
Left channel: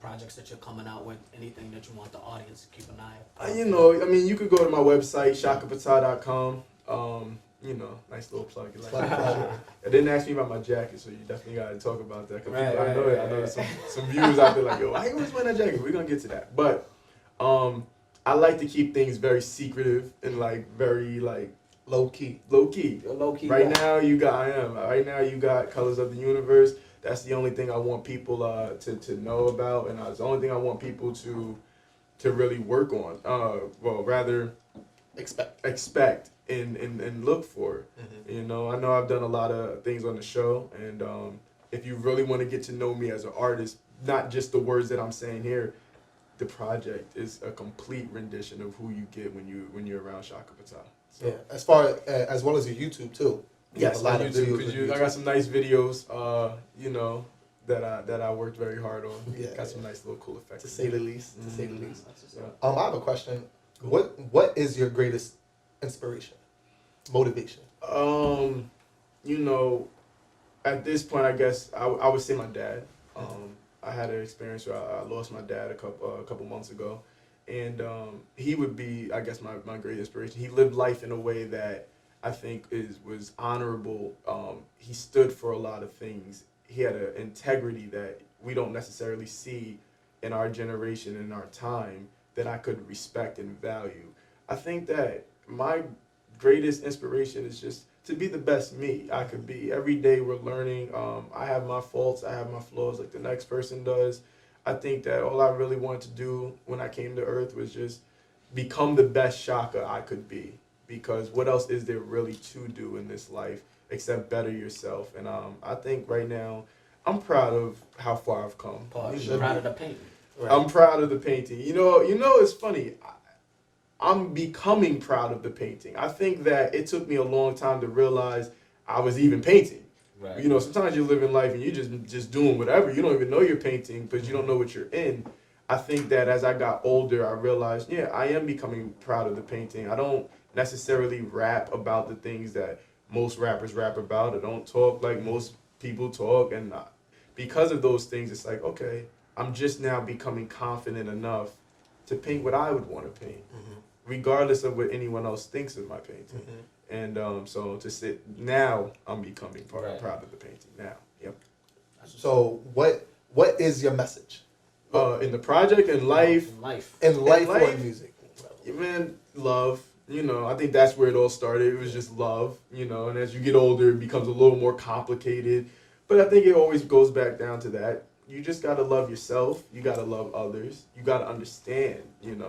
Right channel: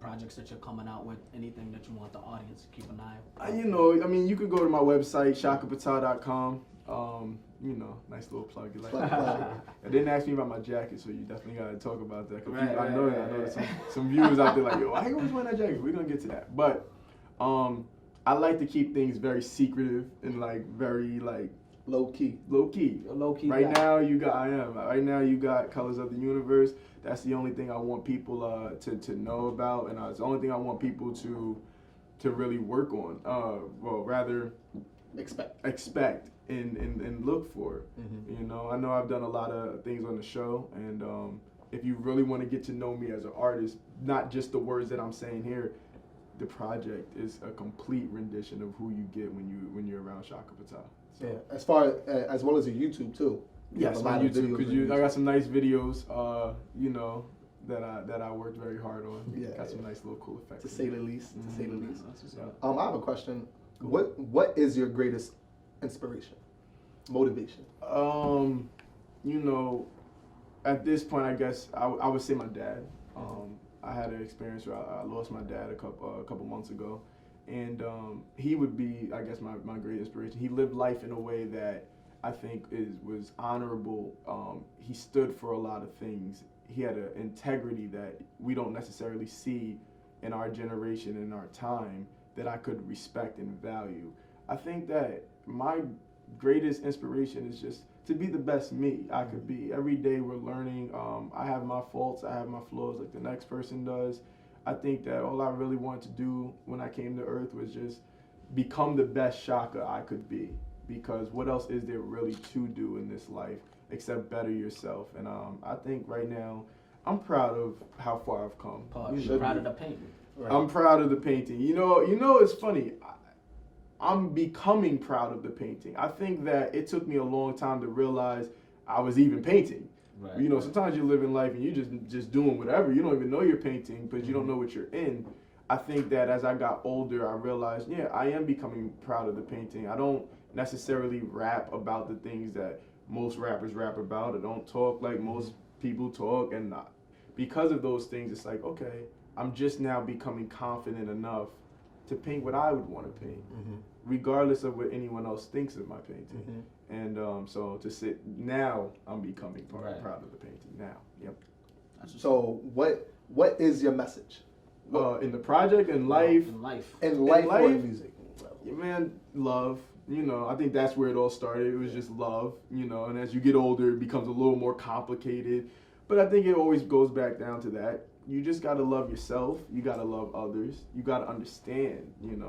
projects that you're coming out with? Anything that you want the audience to keep an eye on? You could go to my website, shakapatah.com. Nice little plug. I didn't ask me about my jacket, so you definitely got to talk about that. I know there's some viewers out there like, yo, why you always wearing that jacket? We're going to get to that. But I like to keep things very secretive and very low key. Right now you got Colors of the Universe. That's the only thing I want people to know about, and it's the only thing I want people to really work on. Rather expect and look for. I know I've done a lot of things on the show, and if you really want to get to know me as an artist, not just the words that I'm saying here, the project is a complete rendition of who you get when you're around Shaka Patah. So. Yeah, as far as well as your YouTube too. Yes, a lot of YouTube, videos. I got some nice videos. That I worked very hard on. Yeah, got some nice little cool effects. To say the least. So, I have a question. What is your greatest inspiration, motivation? At this point, I guess I would say my dad. I had an experience where I lost my dad a couple months ago, and he would be, I guess, my great inspiration. He lived life in a way that I think was honorable. He stood for a lot of things. He had an integrity that we don't necessarily see in our generation, in our time, that I could respect and value. I think that my greatest inspiration is just to be the best me I could be. Every day we're learning. I have my faults, I have my flaws like the next person does. I think that all I really wanted to do when I came to Earth was just become the best Shaka I could be. Because what else is there really to do in this life except better yourself? And I think right now I'm proud of how far I've come. Proud of the painting. Right. I'm proud of the painting. It's funny. I'm becoming proud of the painting. I think that it took me a long time to realize I was even painting. Right. Sometimes you're living life and you're just doing whatever. You don't even know you're painting because you don't know what you're in. I think that as I got older, I realized, I am becoming proud of the painting. I don't necessarily rap about the things that most rappers rap about. I don't talk like most people talk, and because of those things, it's like, okay, I'm just now becoming confident enough to paint what I would want to paint, regardless of what anyone else thinks of my painting. And so to sit now, I'm becoming proud of the painting now. Yep. So what is your message? In the project, in life, or in music? Man, love. I think that's where it all started. It was just love, and as you get older, it becomes a little more complicated. But I think it always goes back down to that. You just got to love yourself. You got to love others. You got to understand,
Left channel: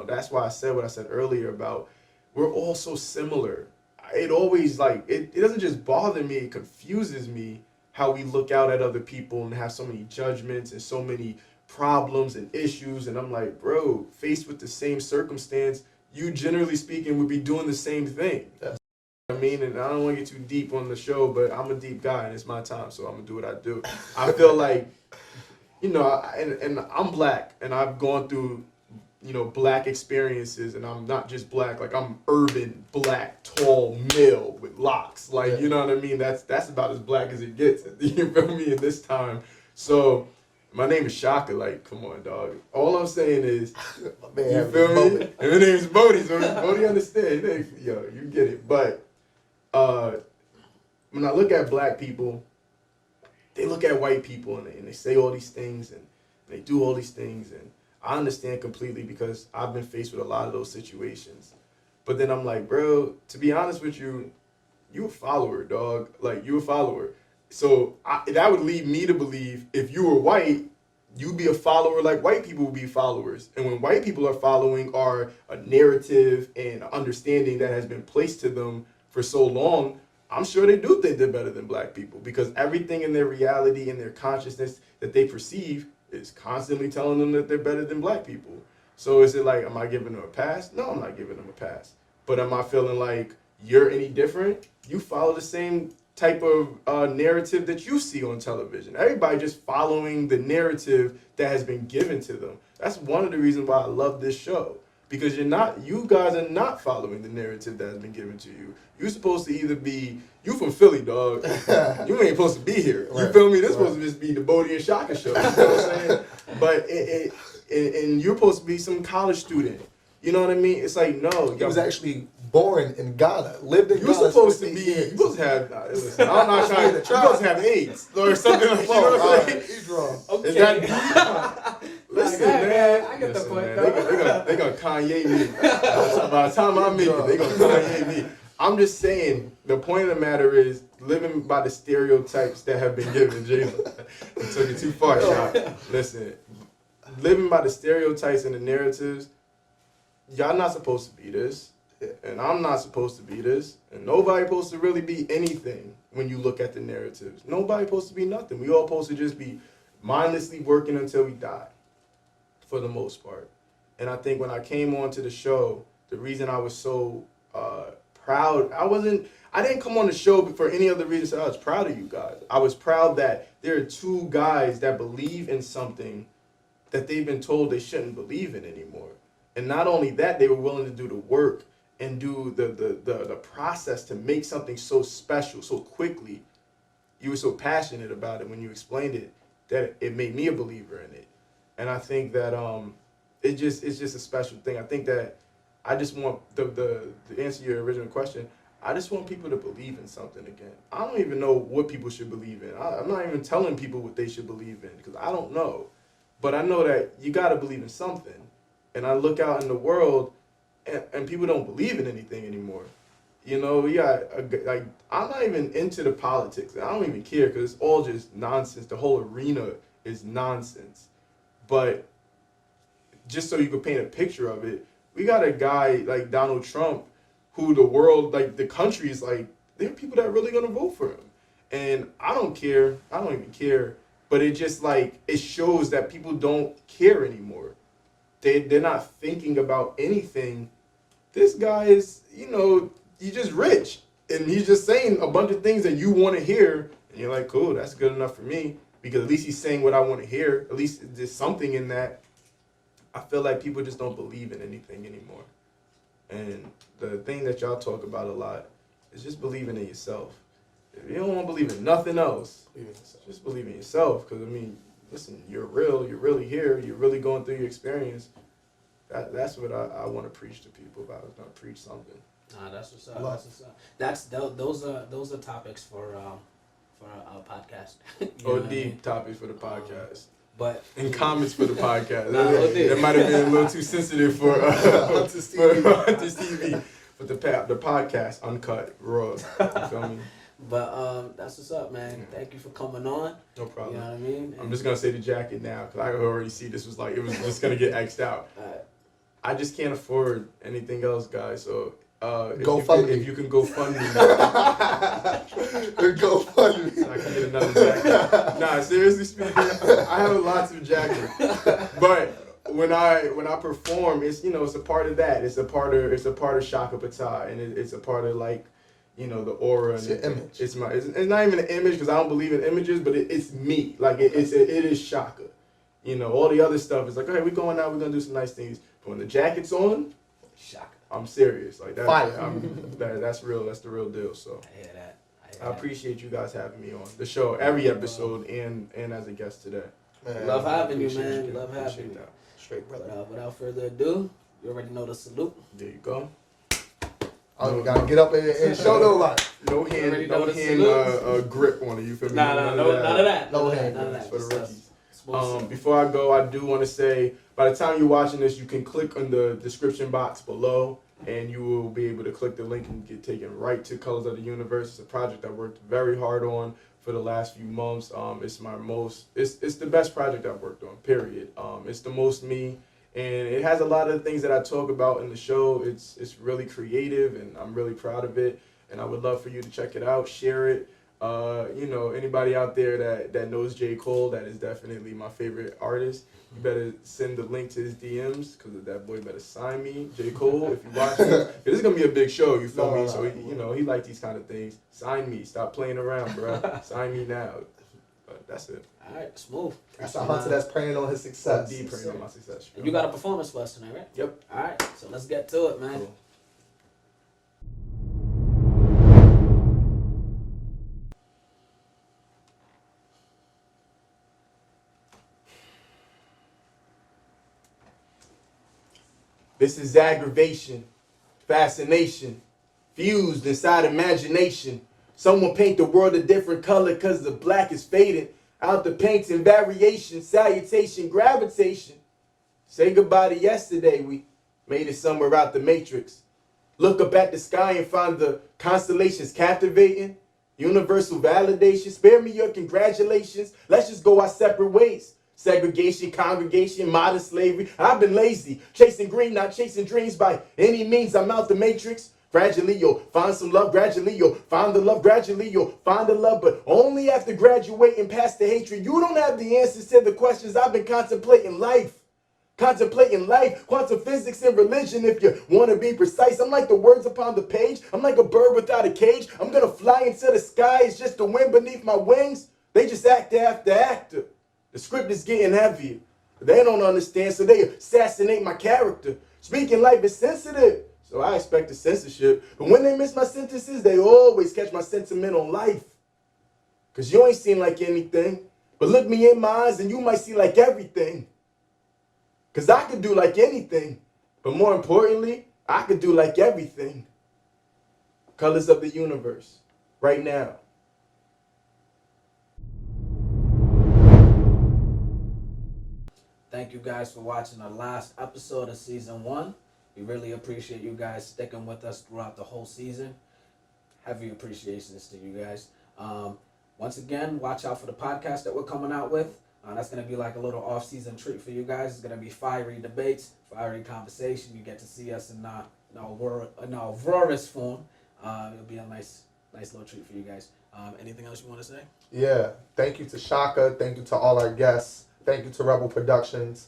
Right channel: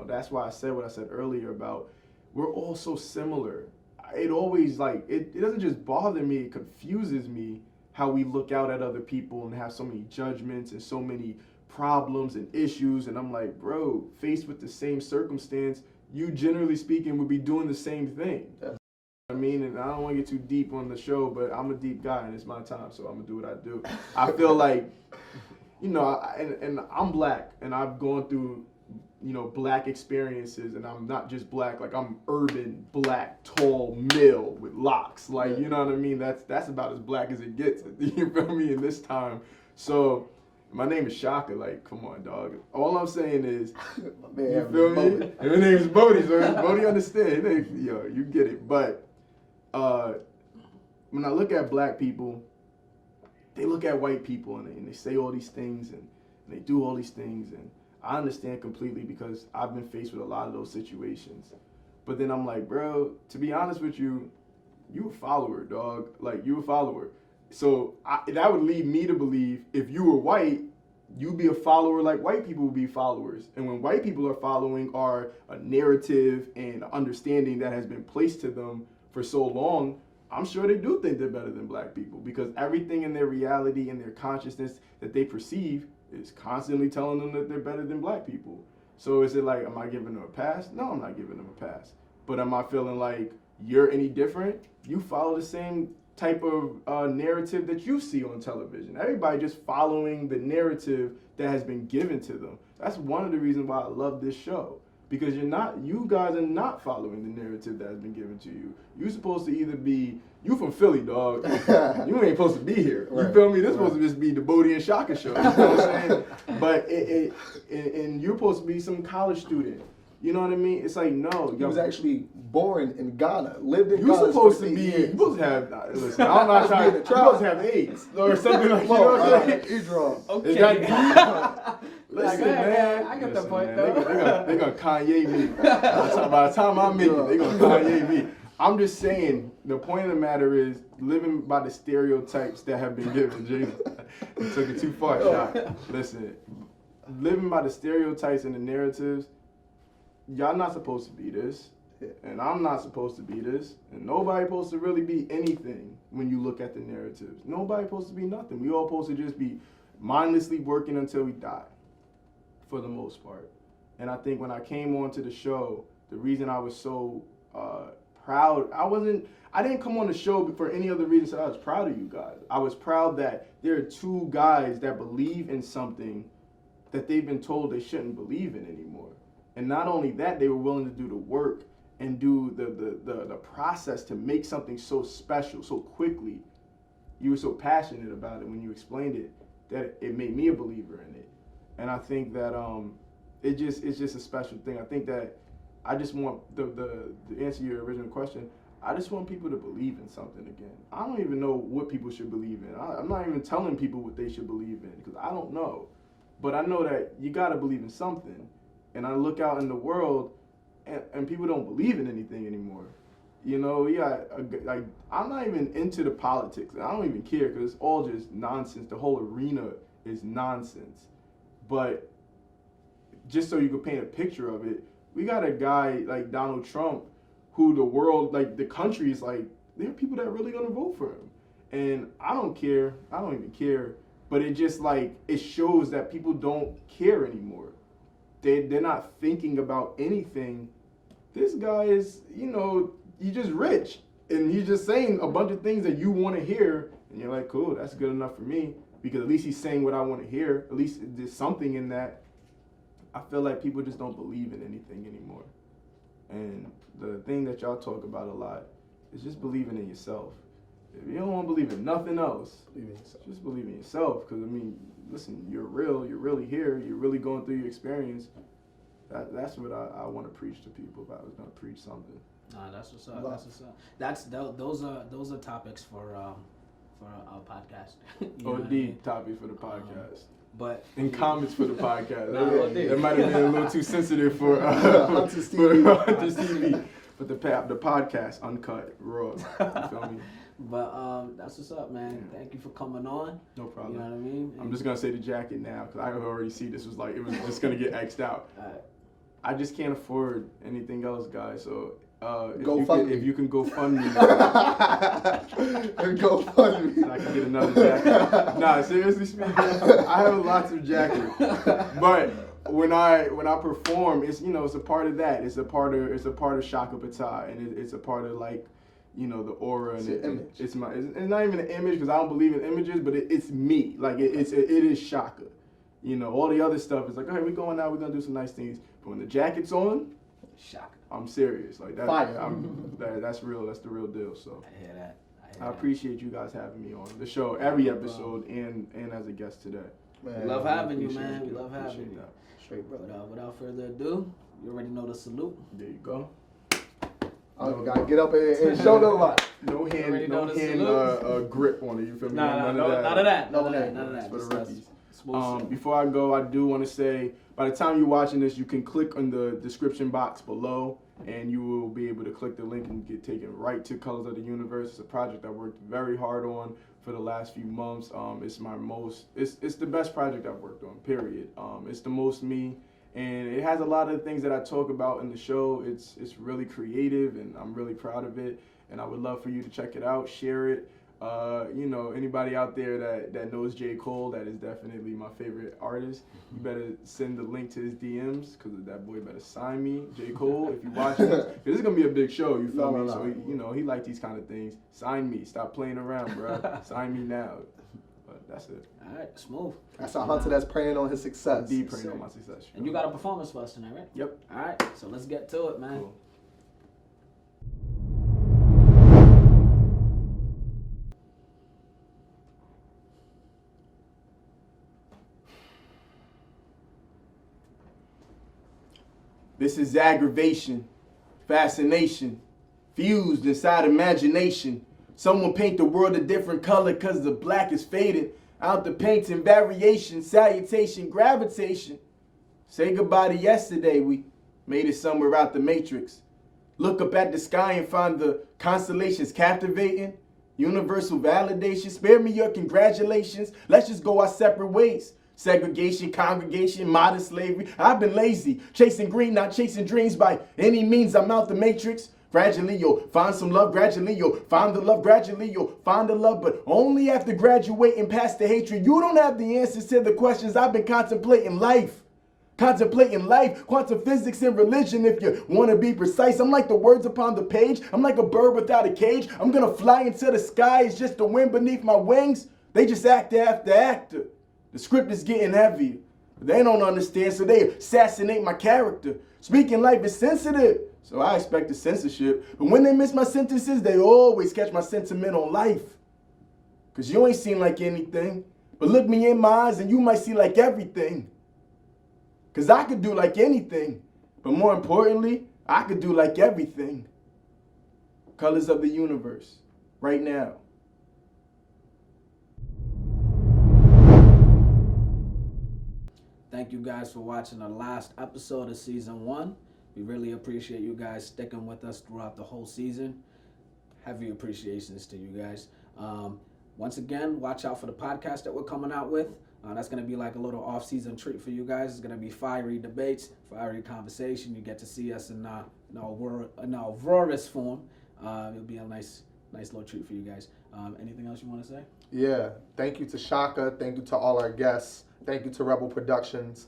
That's why I said what I said earlier about we're all so similar. It always, it doesn't just bother me, it confuses me how we look out at other people and have so many judgments and so many problems and issues. And I'm like, bro, faced with the same circumstance, you generally speaking would be doing the same thing. Yes. And I don't want to get too deep on the show, but I'm a deep guy and it's my time, so I'm gonna do what I do. I feel like, and I'm black and I've gone through, black experiences, and I'm not just black, like I'm urban black, tall male with locks, you know what I mean? That's about as black as it gets. You feel me? In this time, so. My name is Shaka, come on, dog. All I'm saying is, you feel me? And my name is Bodie, so Bodie understand. You get it. But when I look at black people, they look at white people and they say all these things and they do all these things. And I understand completely because I've been faced with a lot of those situations. But then I'm like, bro, to be honest with you, you a follower, dog. You a follower. So that would lead me to believe if you were white, you be a follower like white people will be followers. And when white people are following are a narrative and understanding that has been placed to them for so long, I'm sure they do think they're better than black people because everything in their reality and their consciousness that they perceive is constantly telling them that they're better than black people. So is it like, am I giving them a pass? No, I'm not giving them a pass. But am I feeling like you're any different? You follow the same type of narrative that you see on television. Everybody just following the narrative that has been given to them. That's one of the reasons why I love this show. Because you guys are not following the narrative that has been given to you. You're supposed to either be, you from Philly, dog. You ain't supposed to be here. You feel me? This supposed to just be the Bodie and Shaka show. You know what I'm saying? But and you're supposed to be some college student. You know what I mean? It's like, no. He was actually born in Ghana, lived in You're Ghana. supposed to be, you're supposed to have, listen, I'm not trying to, you're supposed to have AIDS or something like that. You know what I'm saying? He's wrong. Okay. Is that listen, man. I get the Listen, point, man. though. They gonna Kanye me. By the time I make it, they gonna Kanye me. I'm just saying, the point of the matter is living by the stereotypes that have been given. James, you took it too far, y'all. Listen, living by the stereotypes and the narratives, y'all not supposed to be this. And I'm not supposed to be this. And nobody supposed to really be anything when you look at the narratives. Nobody supposed to be nothing. We all supposed to just be mindlessly working until we die, for the most part. And I think when I came onto the show, the reason I was so proud, I didn't come on the show for any other reason. I was proud of you guys. I was proud that there are two guys that believe in something that they've been told they shouldn't believe in anymore. And not only that, they were willing to do the work and do the process to make something so special so quickly. You were so passionate about it when you explained it that it made me a believer in it. And I think that it's just a special thing. I think that I just want to answer your original question. I just want people to believe in something again. I don't even know what people should believe in. I'm not even telling people what they should believe in because I don't know. But I know that you got to believe in something. And I look out in the world and people don't believe in anything anymore. You know, like I'm not even into the politics. I don't even care because it's all just nonsense. The whole arena is nonsense. But just so you can paint a picture of it, we got a guy like Donald Trump who the world, like the country is like, there are people that are really going to vote for him. And I don't care. I don't even care. But it just like, it shows that people don't care anymore. They're not thinking about anything. This guy is, he's just rich. And he's just saying a bunch of things that you want to hear. And you're like, cool, that's good enough for me. Because at least he's saying what I want to hear. At least there's something in that. I feel like people just don't believe in anything anymore. And the thing that y'all talk about a lot is just believing in yourself. If you don't want to believe in nothing else, just believe in yourself. Because, listen, you're real. You're really here. You're really going through your experience. That's what I want to preach to people about. I was going to preach something. Nah, that's what's up. That's what's up. Those are topics for our podcast. OD topics for the podcast. But and comments for the podcast. It might have been a little too sensitive for Hunter's TV. But the podcast, uncut, raw. You feel me? But that's what's up, man. Thank you for coming on. No problem. You know what I mean? I'm just gonna say the jacket now because I already see this was like it was just gonna get X'd out. I just can't afford anything else, guys. So if you can go fund me, go fund me, so I can get another jacket. Nah, seriously speaking, I have lots of jackets, but when I perform, it's it's a part of that. It's a part of Shaka Pata, and it's a part of like. The aura and it's image. It's not even an image because I don't believe in images, but it's me. Like it is Shaka. All the other stuff is like, okay, we're going out, we're gonna do some nice things. But when the jacket's on, Shaka. I'm serious. Like that. Fire. That's real. That's the real deal. So I hear that. I appreciate you guys having me on the show, every episode, and as a guest today. Man, love having you, man. We love having you. Straight brother. Without further ado, you already know the salute. There you go. Oh, you gotta get up and show no lot. No hand grip on it. You feel me? None of that. No hand. None of that. For the rookies. Before I go, I do want to say, by the time you're watching this, you can click on the description box below, and you will be able to click the link and get taken right to Colors of the Universe. It's a project I worked very hard on for the last few months. It's the best project I've worked on, period. It's the most me, and it has a lot of the things that I talk about in the show. It's really creative, and I'm really proud of it, and I would love for you to check it out, share it. Anybody out there that knows J. Cole, that is definitely my favorite artist. You better send the link to his DMs, because that boy better sign me, J. Cole, if you watch this. This is going to be a big show, you feel me? So, he like these kind of things. Sign me. Stop playing around, bro. Sign me now. But that's it. All right, smooth. That's a Hunter that's praying on his success. Deep praying on my success. And you got a performance for us tonight, right? Yep. All right, so let's get to it, man. Cool. This is aggravation, fascination, fused inside imagination. Someone paint the world a different color cause the black is faded. Out the paints in variation, salutation, gravitation. Say goodbye to yesterday, we made it somewhere out the matrix. Look up at the sky and find the constellations captivating. Universal validation, spare me your congratulations. Let's just go our separate ways. Segregation, congregation, modern slavery. I've been lazy, chasing green, not chasing dreams by any means. I'm out the matrix. Gradually you'll find some love, gradually you'll find the love, gradually you'll find the love, but only after graduating past the hatred. You don't have the answers to the questions I've been contemplating life. Contemplating life, quantum physics and religion if you want to be precise. I'm like the words upon the page. I'm like a bird without a cage. I'm going to fly into the sky. It's just the wind beneath my wings. They just act after actor. The script is getting heavier. They don't understand, so they assassinate my character. Speaking life is sensitive, so I expect the censorship. But when they miss my sentences, they always catch my sentiment on life. Because you ain't seen like anything. But look me in my eyes and you might see like everything. Because I could do like anything. But more importantly, I could do like everything. Colors of the universe, right now. Thank you guys for watching the last episode of season 1. We really appreciate you guys sticking with us throughout the whole season. Heavy appreciations to you guys. Once again, watch out for the podcast that we're coming out with. That's going to be like a little off-season treat for you guys. It's going to be fiery debates, fiery conversation. You get to see us in our roarous form. It'll be a nice little treat for you guys. Anything else you want to say? Yeah, thank you to Shaka. Thank you to all our guests. Thank you to Rebel Productions.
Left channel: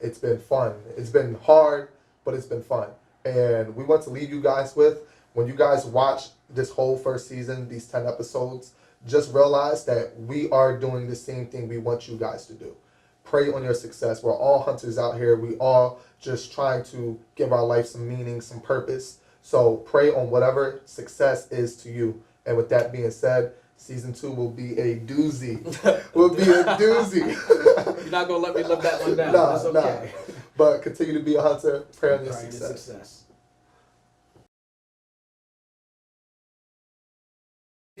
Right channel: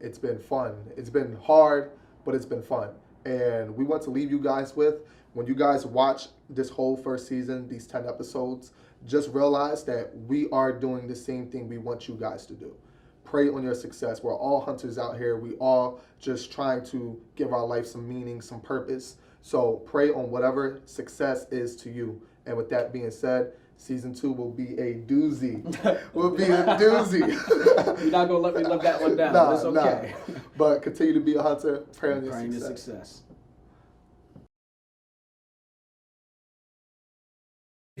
It's been fun. It's been hard, but it's been fun. And we want to leave you guys with, when you guys watch this whole first season, these 10 episodes, just realize that we are doing the same thing we want you guys to do. Pray on your success. We're all hunters out here. We all just trying to give our life some meaning, some purpose. So pray on whatever success is to you. And with that being said, season 2 will be a doozy. Will be a doozy. You're not going to let me live that one down. It's okay. Nah. But continue to be a hunter. Pray on your success.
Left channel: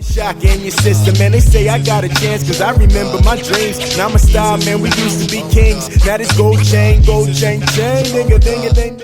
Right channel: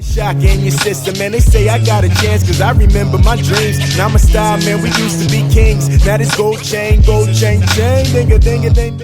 Shock in your system, man. They say I got a chance, cause I remember my dreams. Now I'm a star, man. We used to be kings. Now this gold chain, ding a ding a ding.